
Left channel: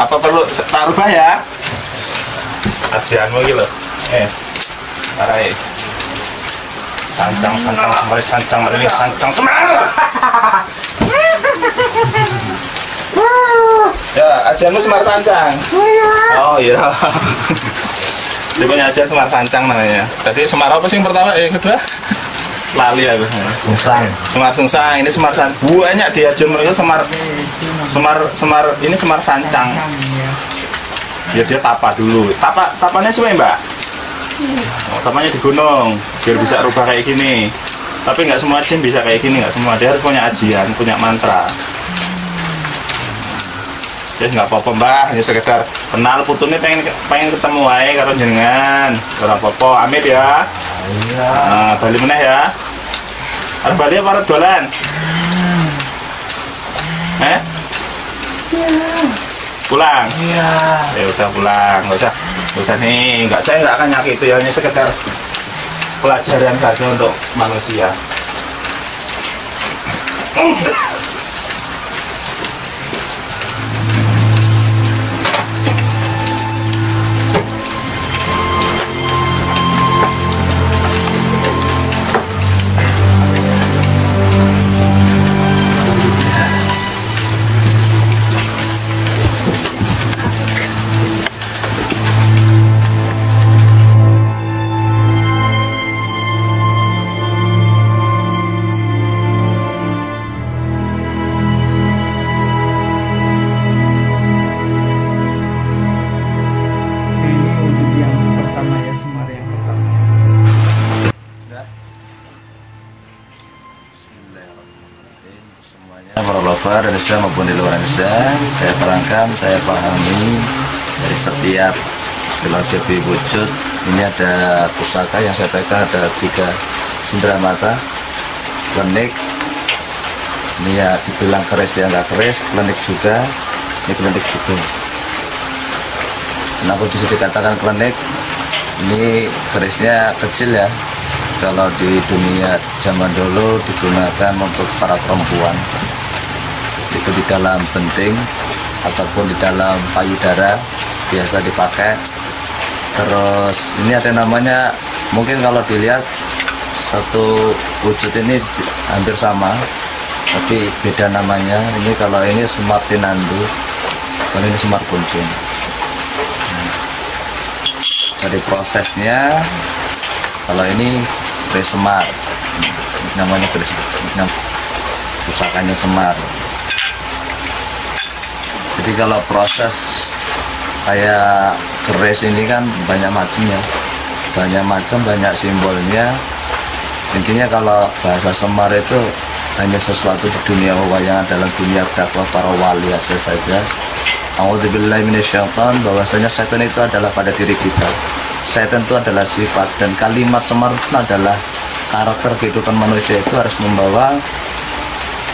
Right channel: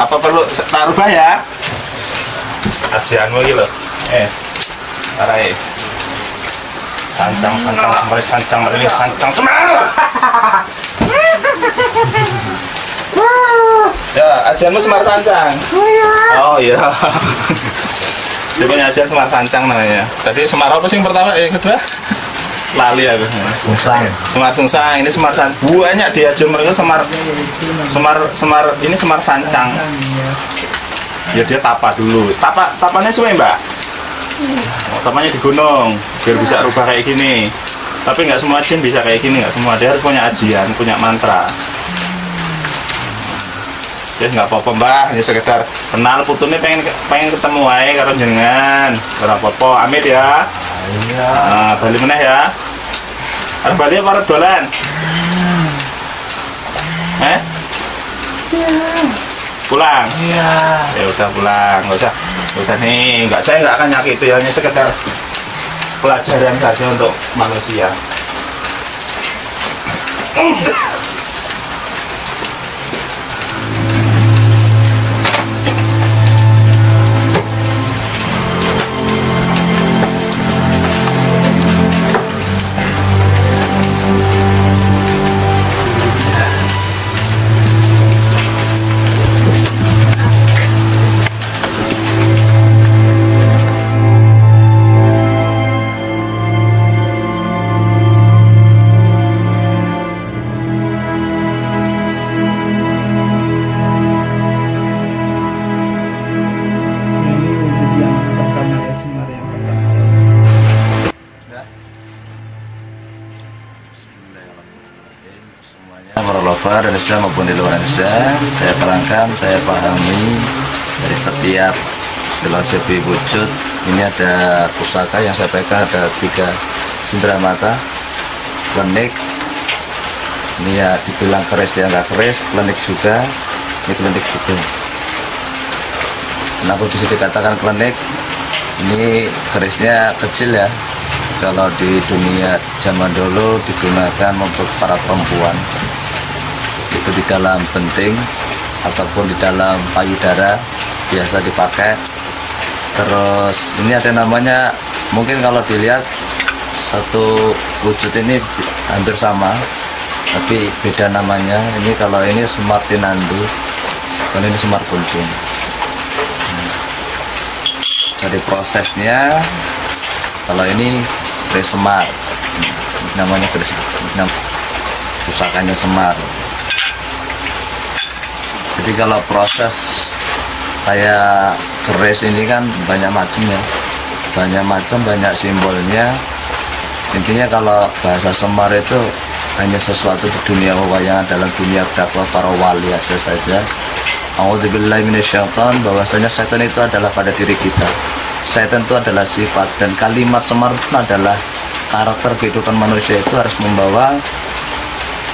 Apa perlu tak rubah ya? Ajianmu gitu loh. Tarai. Sancang semar, sancang merilis, sancang semar. Ya, ajianmu Semar Sancang. Oh iya. Dia punya ajian Semar Sancang namanya. Tadi Semar apa sih yang pertama? Yang kedua? Lali aku. Sungsang. Semar Sungsang. Ini Semar Sancang. Banyak di ajian mereka Semar ini Semar Sancang. Ya dia tapa dulu. Tapanya sesuai Mbak. Tapanya di gunung biar bisa rubah kayak gini. Tapi nggak semua jin bisa kayak gini, nggak semua. Dia harus punya ajian, punya mantra. Ya nggak apa-apa Mbah, hanya sekedar kenal putune pengen ketemu ae karo jenengan. Ora apa-apa, amit ya. Iya. Nah, bali meneh ya. Arep bali apa arep dolan? Iya. Pulang? Iya. Ya udah pulang, nggak usah nih, saya nggak akan nyakiti, hanya sekedar pelajaran saja untuk manusia. Ini wujud yang pertama ya, Semar yang pertama ya. Bismillahirrahmanirrahim. Semuanya para lover Indonesia maupun di luar Indonesia, saya terangkan, saya pahami dari setiap filosofi wujud. Ini ada pusaka yang saya pegang, ada 3 cindera mata, klenik. Ini ya dibilang keris ya nggak keris, klenik juga, ini klenik juga. Kenapa bisa dikatakan klenik? Ini kerisnya kecil ya. Kalau di dunia zaman dulu digunakan untuk para perempuan, itu di dalam penting ataupun di dalam payudara biasa dipakai. Terus ini ada namanya, mungkin kalau dilihat satu wujud ini hampir sama, tapi beda namanya. Ini kalau ini Semar Tinandu, kalau ini Semar Kuncung. Dari prosesnya, kalau ini keris Semar, namanya keris, pusakanya Semar. Jadi kalau proses kayak keris ini kan banyak macam ya, banyak simbolnya. Intinya kalau bahasa Semar itu hanya sesuatu di dunia wayang, dalam dunia dakwah para wali saja. A'udzubillahi minasyaitan, bahwasanya setan itu adalah pada diri kita. Setan itu adalah sifat, dan kalimat Semar itu adalah karakter kehidupan manusia itu harus membawa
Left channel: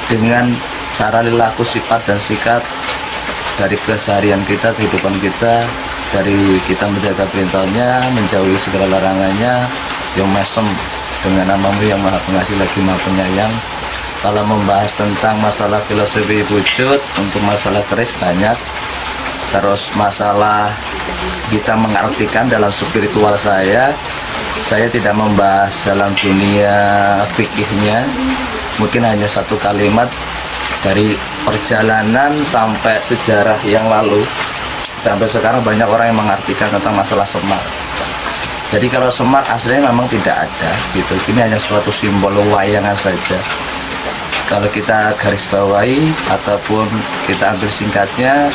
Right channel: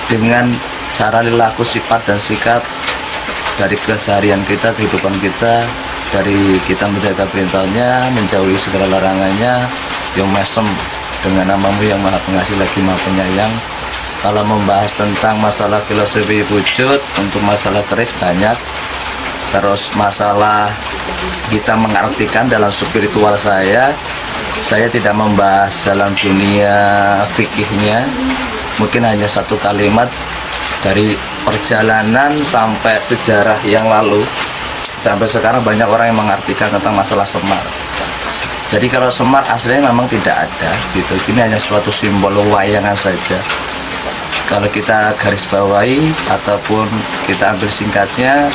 dengan cara perilaku, sifat dan sikap dari keseharian kita, kehidupan kita, dari kita menjaga perintahnya, menjauhi segala larangannya. Yang mesem dengan namamu yang maha pengasih lagi maha penyayang. Kalau membahas tentang masalah filosofi wujud, untuk masalah keris banyak. Terus masalah kita mengartikan dalam spiritual saya tidak membahas dalam dunia fikihnya. Mungkin hanya satu kalimat dari perjalanan sampai sejarah yang lalu. Sampai sekarang banyak orang yang mengartikan tentang masalah Semar. Jadi kalau Semar aslinya memang tidak ada gitu. Ini hanya suatu simbol wayangan saja. Kalau kita garis bawahi ataupun kita ambil singkatnya,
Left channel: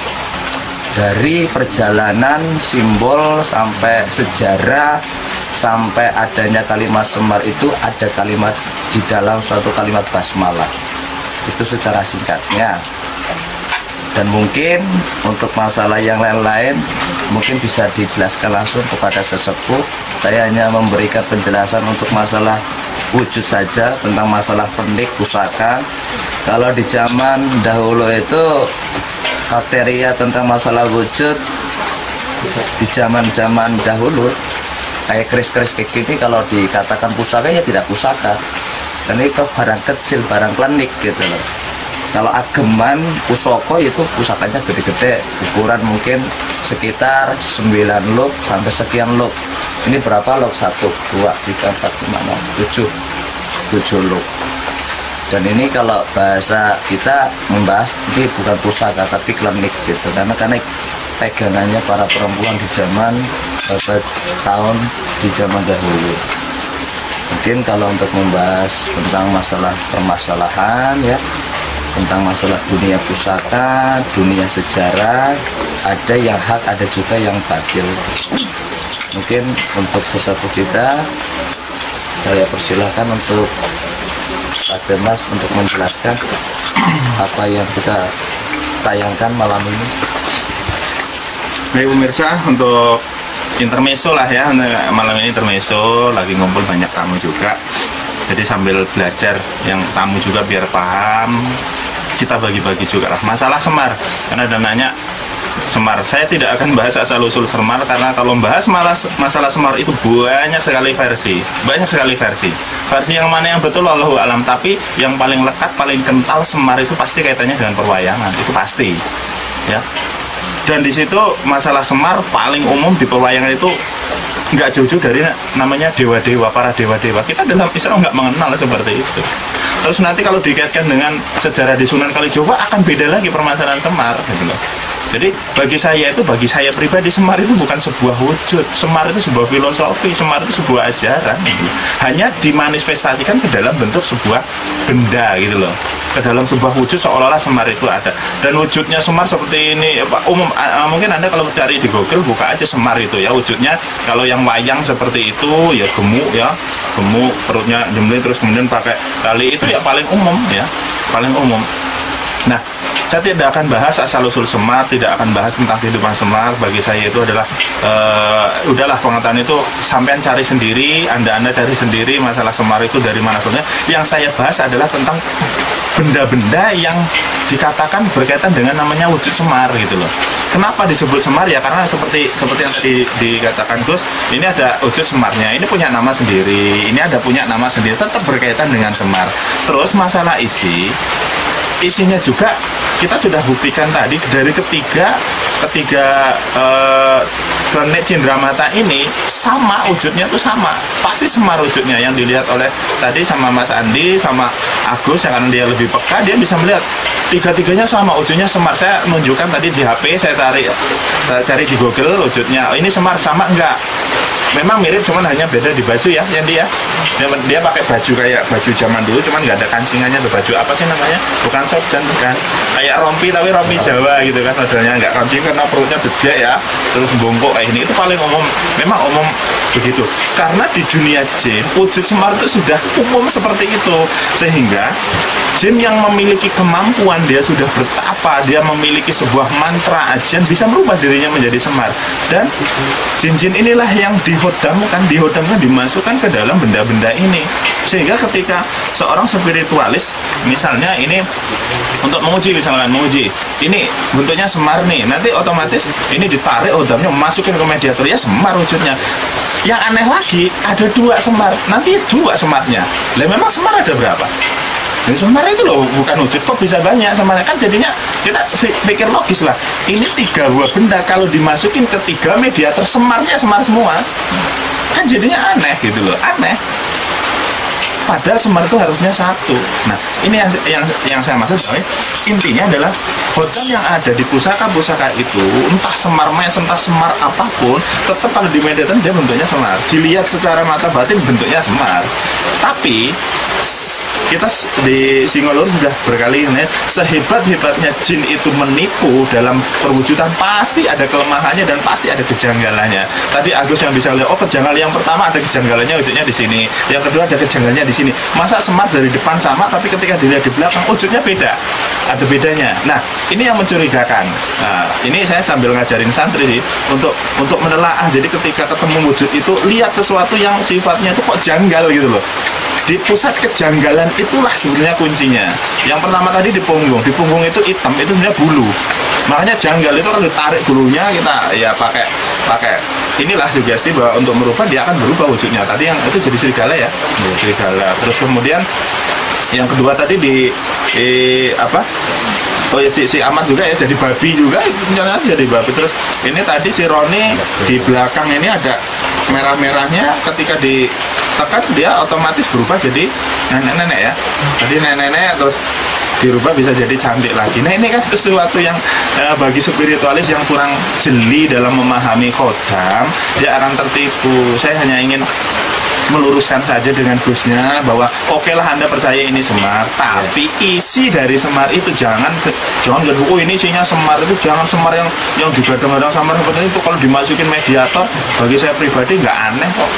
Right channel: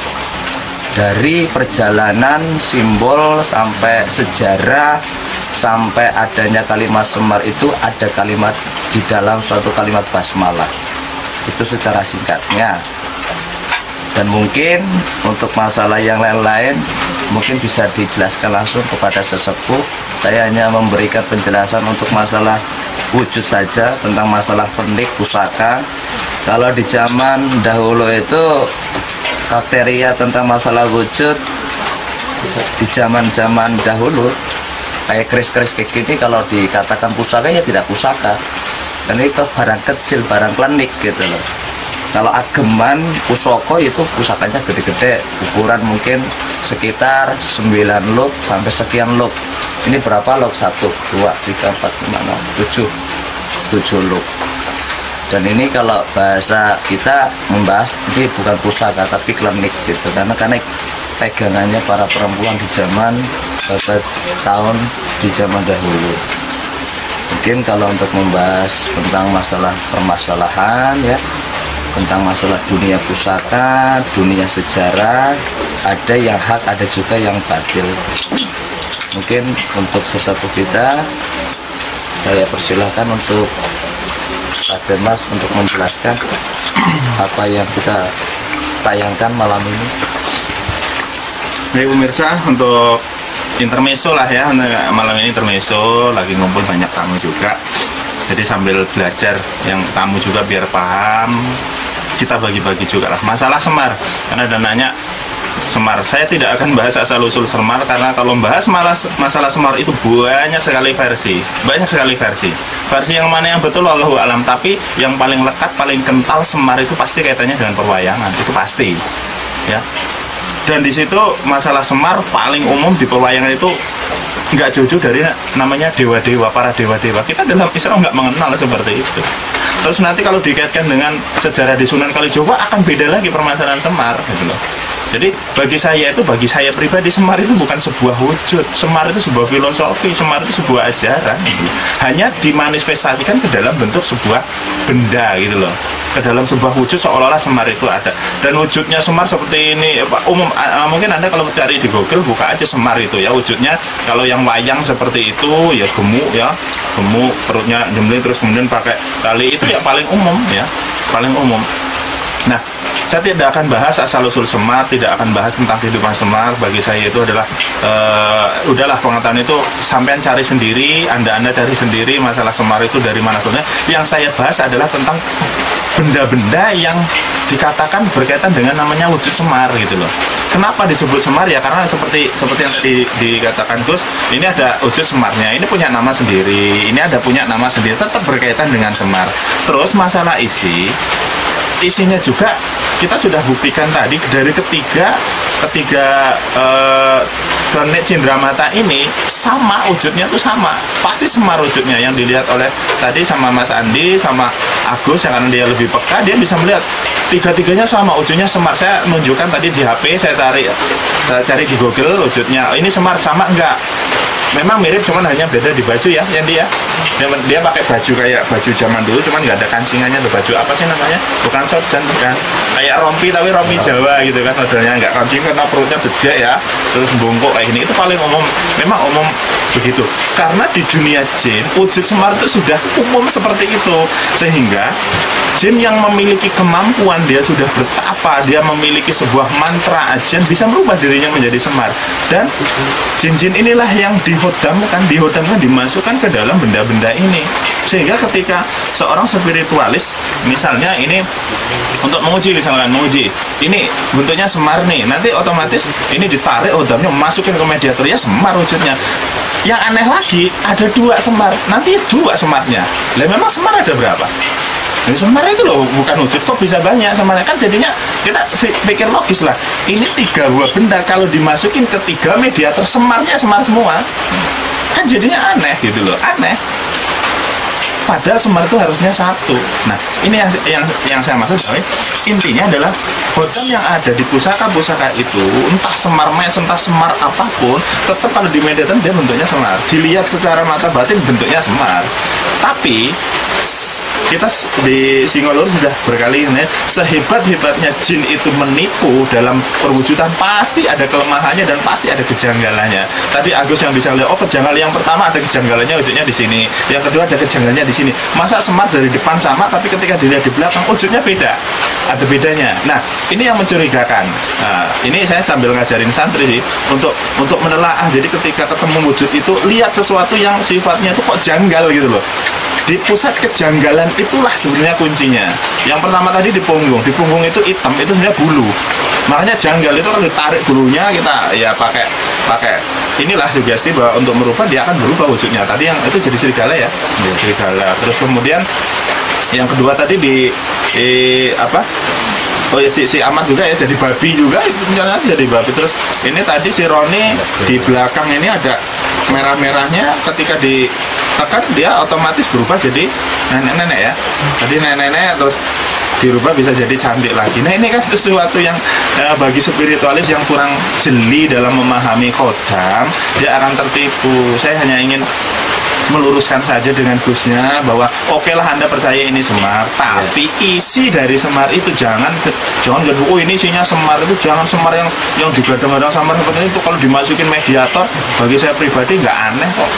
dari perjalanan simbol sampai sejarah sampai adanya kalimat Semar itu ada kalimat di dalam suatu kalimat basmalah. Itu secara singkatnya. Dan mungkin untuk masalah yang lain-lain mungkin bisa dijelaskan langsung kepada sesepuh. Saya hanya memberikan penjelasan untuk masalah wujud saja, tentang masalah pernik pusaka. Kalau di zaman dahulu itu kriteria tentang masalah wujud di zaman dahulu kayak keris-keris kayak gini, kalau dikatakan pusaka ya tidak pusaka. Dan itu barang kecil, barang klenik gitu loh. Kalau ageman pusoko itu pusakanya gede-gede, ukuran mungkin sekitar 9 luk sampai sekian luk. Ini berapa luk? 1, 2, 3, 4, 5, 6, 7 luk. Dan ini kalau bahasa kita membahas ini bukan pusaka tapi klenik gitu, karena pegangannya para perempuan di zaman tahun di zaman dahulu. Mungkin kalau untuk membahas tentang masalah permasalahan ya, tentang masalah dunia pusaka, dunia sejarah, ada yang hak, ada juga yang batil. Mungkin untuk sesepuh kita, saya persilahkan untuk Pak Mas untuk menjelaskan apa yang kita tayangkan malam ini. Baik pemirsa, untuk intermezzo lah ya, malam ini intermezzo, lagi ngumpul banyak tamu juga. Jadi sambil belajar yang tamu juga biar paham, kita bagi-bagi juga lah masalah Semar. Karena ada nanya Semar, saya tidak akan bahas asal-usul Semar, karena kalau membahas masalah Semar itu banyak sekali versi. Versi yang mana yang betul Allahu alam, tapi yang paling lekat, paling kental Semar itu pasti kaitannya dengan perwayangan, itu pasti ya. Dan di situ masalah Semar paling umum di perwayangan itu nggak jauh-jauh dari namanya dewa-dewa, para dewa-dewa. Kita dalam Islam nggak mengenal seperti itu. Terus nanti kalau dikaitkan dengan sejarah di Sunan Kalijogo akan beda lagi permasalahan Semar gitu loh. Jadi bagi saya pribadi, Semar itu bukan sebuah wujud, Semar itu sebuah filosofi, Semar itu sebuah ajaran gitu. Hanya dimanifestasikan ke dalam bentuk sebuah benda gitu loh, ke dalam sebuah wujud seolah-olah Semar itu ada. Dan wujudnya Semar seperti ini umum, mungkin Anda kalau cari di Google buka aja Semar itu ya, wujudnya kalau yang wayang seperti itu ya gemuk ya, gemuk, perutnya jembleng, terus kemudian pakai tali, itu ya paling umum ya, paling umum. Nah, saya tidak akan bahas asal-usul Semar, tidak akan bahas tentang kehidupan Semar. Bagi saya itu adalah udahlah, pengetahuan itu sampean cari sendiri, anda cari sendiri masalah Semar itu dari mana sebenarnya. Yang saya bahas adalah tentang benda-benda yang dikatakan berkaitan dengan namanya wujud Semar gitu loh. Kenapa disebut Semar ya? Karena seperti yang tadi dikatakan Gus, ini ada wujud Semarnya, ini punya nama sendiri, ini ada punya nama sendiri, tetap berkaitan dengan Semar. Terus masalah isinya juga kita sudah buktikan tadi dari ketiga planet Cindramata ini sama wujudnya tuh sama, pasti Semar wujudnya. Yang dilihat oleh tadi sama Mas Andi sama Agus, yang karena dia lebih peka, dia bisa melihat tiga-tiganya sama wujudnya Semar. Saya menunjukkan tadi di HP, saya cari di Google wujudnya, ini Semar sama enggak? Memang mirip, cuman hanya beda di baju ya, yang dia pakai baju kayak baju zaman dulu, cuman nggak ada kancingannya tuh. Baju apa sih namanya? Bukan sorjan, bukan, kayak rompi tapi rompi Jawa gitu kan, modelnya nggak kancing karena perutnya gede ya, terus bungkuk kayak ini. Itu paling umum, memang umum begitu. Karena di dunia jin wujud Semar itu sudah umum seperti itu, sehingga jin yang memiliki kemampuan, dia sudah bertapa, dia memiliki sebuah mantra ajian, bisa merubah dirinya menjadi Semar. Dan jin-jin inilah yang dihodamkan, dimasukkan ke dalam benda-benda ini. Sehingga ketika seorang spiritualis, misalnya ini untuk menguji, ini bentuknya Semar nih, nanti otomatis ini ditarik hodamnya, masukin ke mediator, ya Semar wujudnya. Yang aneh lagi, ada 2 Semar, nanti 2 Semarnya. Lah memang Semar ada berapa? Jadi semar itu loh bukan wujud, kok bisa banyak semarnya? Kan jadinya kita pikir logis lah. Ini 3 buah benda kalau dimasukin ke 3 mediator, semarnya semar semua. Kan jadinya aneh gitu loh, aneh. Padahal semar itu harusnya 1. Nah, ini yang saya maksud, intinya adalah hotam yang ada di pusaka-pusaka itu, entah semar mes, entah semar apapun, tetap kalau di mediator dia bentuknya semar. Dilihat secara mata batin bentuknya semar. Tapi kita di Singolur sudah berkali ini, sehebat-hebatnya jin itu menipu dalam perwujudan, pasti ada kelemahannya dan pasti ada kejanggalannya. Tadi Agus yang bisa lihat, oh kejanggalan yang pertama ada kejanggalannya wujudnya di sini, yang kedua ada kejanggalannya di sini. Masa semar dari depan sama, tapi ketika dilihat di belakang wujudnya beda, ada bedanya. Nah, ini yang mencurigakan. Nah, ini saya sambil ngajarin santri sih untuk menelaah. Jadi ketika ketemu wujud itu, lihat sesuatu yang sifatnya itu kok janggal gitu loh. Di pusat kejanggalan itulah sebenarnya kuncinya. Yang pertama tadi di punggung itu hitam, itu sebenarnya bulu. Makanya janggal itu kalau ditarik bulunya, kita ya pakai inilah sugesti bahwa untuk merubah dia akan berubah wujudnya. Tadi yang itu jadi serigala ya, serigala. Terus kemudian yang kedua tadi si Ahmad juga ya jadi babi juga, misalnya jadi babi. Terus ini tadi si Roni di belakang ini ada merah-merahnya, ketika ditekan dia otomatis berubah jadi nenek-nenek ya. Tadi nenek-nenek terus dirubah bisa jadi cantik lagi. Nah, ini kan sesuatu yang bagi spiritualis yang kurang jeli dalam memahami kodam, dia akan tertipu. Saya hanya ingin meluruskan saja dengan Gusnya bahwa oke lah Anda percaya ini semar, tapi isi dari semar itu jangan oh ini isinya semar, itu jangan semar yang digadang-gadang semar seperti itu. Kalau dimasukin mediator, bagi saya pribadi nggak aneh kok,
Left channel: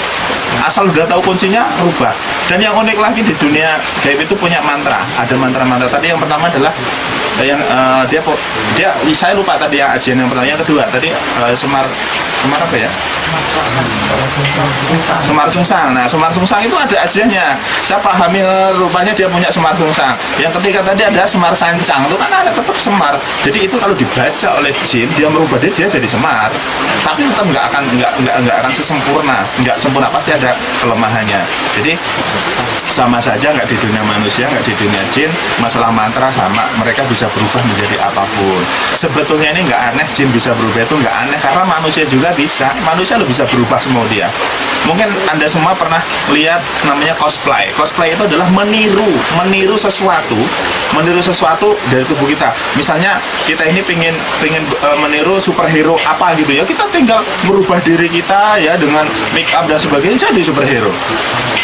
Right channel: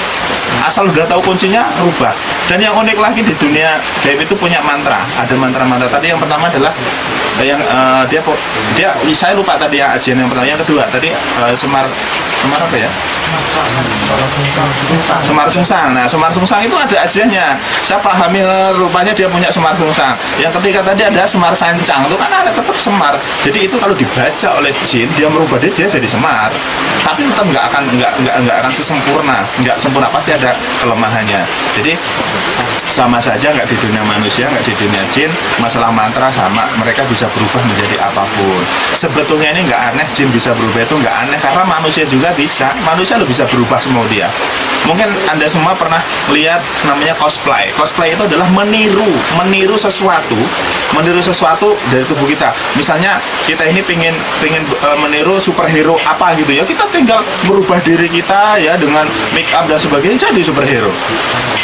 asal udah tahu kuncinya rubah. Dan yang unik lagi di dunia gaib itu punya mantra, ada mantra-mantra. Tadi yang pertama adalah yang dia saya lupa tadi yang ajian yang pertama, yang kedua tadi semar apa ya? Semar sungsang. Nah, semar sungsang itu ada ajiannya. Saya pahami rupanya dia punya semar sungsang. Yang ketiga tadi ada semar sancang. Itu kan ada tetap semar. Jadi itu kalau dibaca oleh jin, dia merubah dia jadi semar. Tapi tetap nggak akan sesempurna, nggak sempurna, pasti ada kelemahannya. Jadi sama saja, nggak di dunia manusia, nggak di dunia jin. Masalah mantra sama, mereka bisa berubah menjadi apapun. Sebetulnya ini nggak aneh, jin bisa berubah itu nggak aneh, karena manusia juga bisa. Manusia lo bisa berubah semua dia. Mungkin Anda semua pernah lihat namanya cosplay. Cosplay itu adalah meniru sesuatu dari tubuh kita. Misalnya kita ini pengen meniru superhero apa gitu ya, kita tinggal merubah diri kita ya dengan make up dan sebagainya jadi superhero.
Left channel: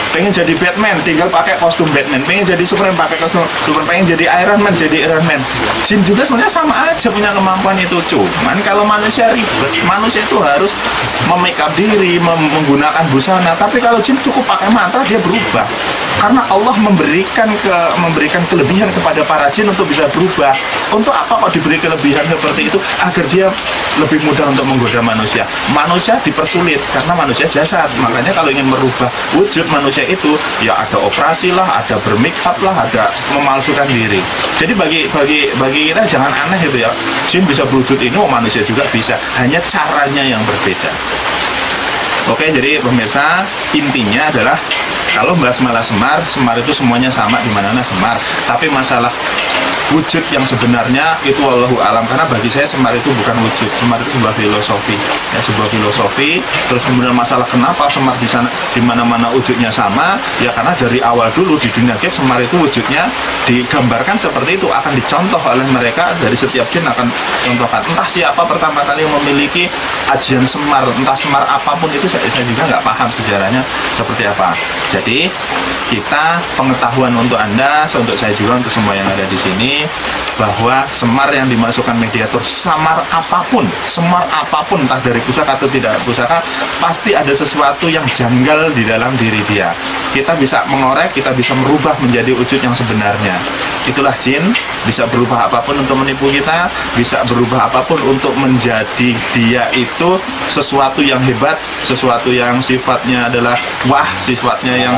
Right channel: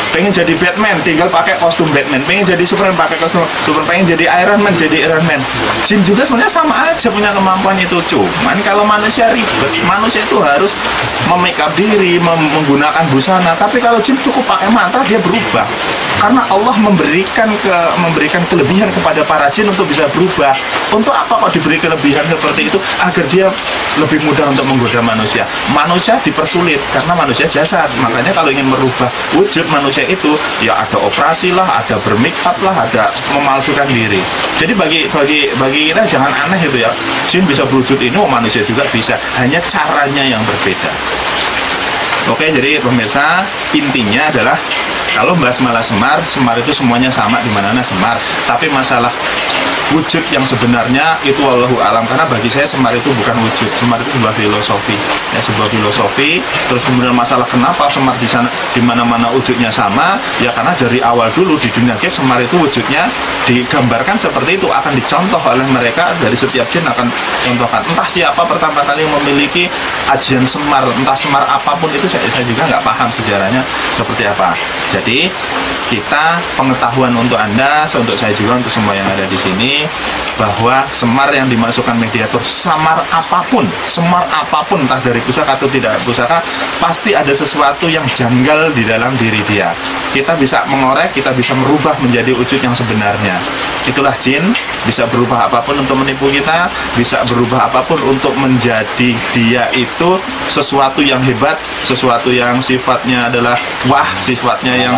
Pengen jadi Batman, tinggal pakai kostum Batman. Pengen jadi Superman, pakai kostum Superman. Pengen jadi Iron Man, jadi Iron Man. Jin juga sebenarnya sama aja punya kemampuan itu. Cuman kalau manusia ribet, manusia itu harus memake up diri, menggunakan busana. Tapi kalau jin cukup pakai mantra, dia berubah. Karena Allah memberikan kelebihan kepada para jin untuk bisa berubah. Untuk apa kok diberi kelebihan seperti itu? Agar dia lebih mudah untuk menggoda manusia. Manusia dipersulit karena manusia jasad. Makanya kalau ingin merubah wujud manusia itu, ya ada operasi lah, ada bermake up lah, ada memalsukan diri. Jadi bagi kita jangan aneh itu ya. Jin bisa berwujud ini, manusia juga bisa. Hanya caranya yang berbeda. Oke, jadi pemirsa, intinya adalah kalau bahas malah semar itu semuanya sama, di mana-mana semar. Tapi masalah wujud yang sebenarnya itu wallahu alam, karena bagi saya semar itu bukan wujud, semar itu sebuah filosofi, ya, sebuah filosofi. Terus kemudian masalah kenapa semar di sana di mana-mana wujudnya sama, ya karena dari awal dulu di dunia gaib semar itu wujudnya digambarkan seperti itu, akan dicontoh oleh mereka, dari setiap jin akan contohkan. Entah siapa pertama kali yang memiliki ajian semar, entah semar apapun itu saya juga nggak paham sejarahnya seperti apa. Jadi kita pengetahuan untuk Anda, untuk saya juga, untuk semua yang ada di sini, bahwa semar yang dimasukkan mediator, semar apapun, entah dari pusaka atau tidak pusaka, pasti ada sesuatu yang janggal di dalam diri dia. Kita bisa mengorek, kita bisa merubah menjadi wujud yang sebenarnya. Itulah jin, bisa berubah apapun untuk menipu kita, bisa berubah apapun untuk menjadi dia itu sesuatu yang hebat, sesuatu yang sifatnya adalah wah, sifatnya yang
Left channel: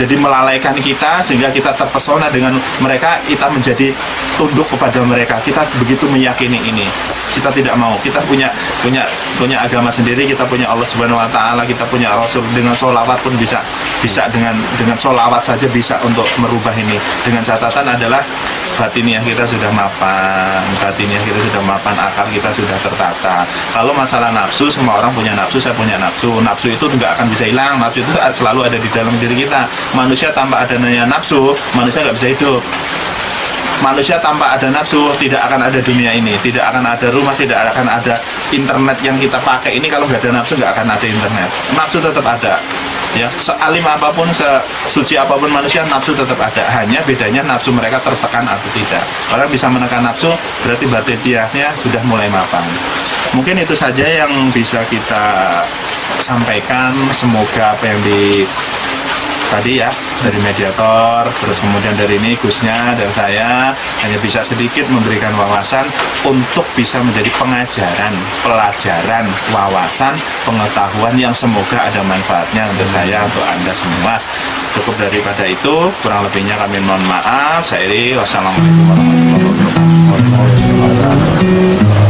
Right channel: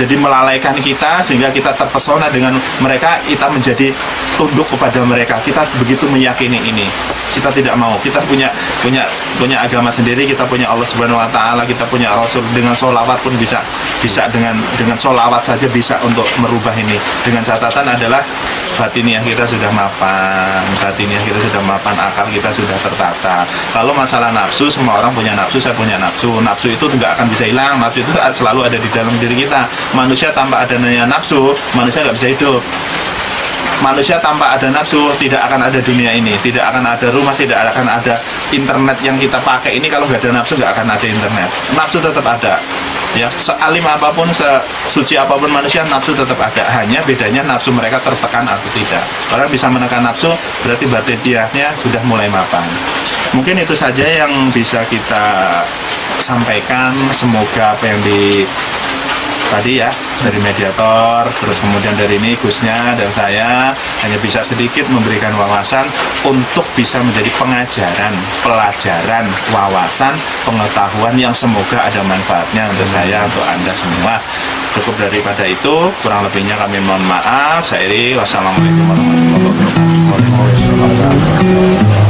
jadi melalaikan kita, sehingga kita terpesona dengan mereka, kita menjadi menjadi tunduk kepada mereka. Kita begitu meyakini ini. Kita tidak mau. Kita punya agama sendiri. Kita punya Allah Subhanahu Wa Taala. Kita punya Rasul. Dengan sholawat pun bisa dengan sholawat saja bisa untuk merubah ini. Dengan catatan adalah batiniah kita sudah mapan, akal kita sudah tertata. Kalau masalah nafsu, semua orang punya nafsu, saya punya nafsu. Nafsu itu nggak akan bisa hilang. Nafsu itu selalu ada di dalam diri kita. Manusia tanpa adanya nafsu, manusia nggak bisa hidup. Manusia tanpa ada nafsu tidak akan ada dunia ini, tidak akan ada rumah, tidak akan ada internet yang kita pakai ini. Kalau nggak ada nafsu nggak akan ada internet. Nafsu tetap ada, ya, sealim apapun, sesuci apapun manusia, nafsu tetap ada. Hanya bedanya nafsu mereka tertekan atau tidak. Orang bisa menekan nafsu berarti batiniahnya sudah mulai mapan. Mungkin itu saja yang bisa kita sampaikan. Semoga apa yang tadi ya, dari mediator, terus kemudian dari ini Gusnya dan saya hanya bisa sedikit memberikan wawasan untuk bisa menjadi pengajaran, pelajaran, wawasan, pengetahuan yang semoga ada manfaatnya untuk saya, untuk Anda semua. Cukup daripada itu, kurang lebihnya kami mohon maaf. Saya Iri, wassalamualaikum warahmatullahi wabarakatuh.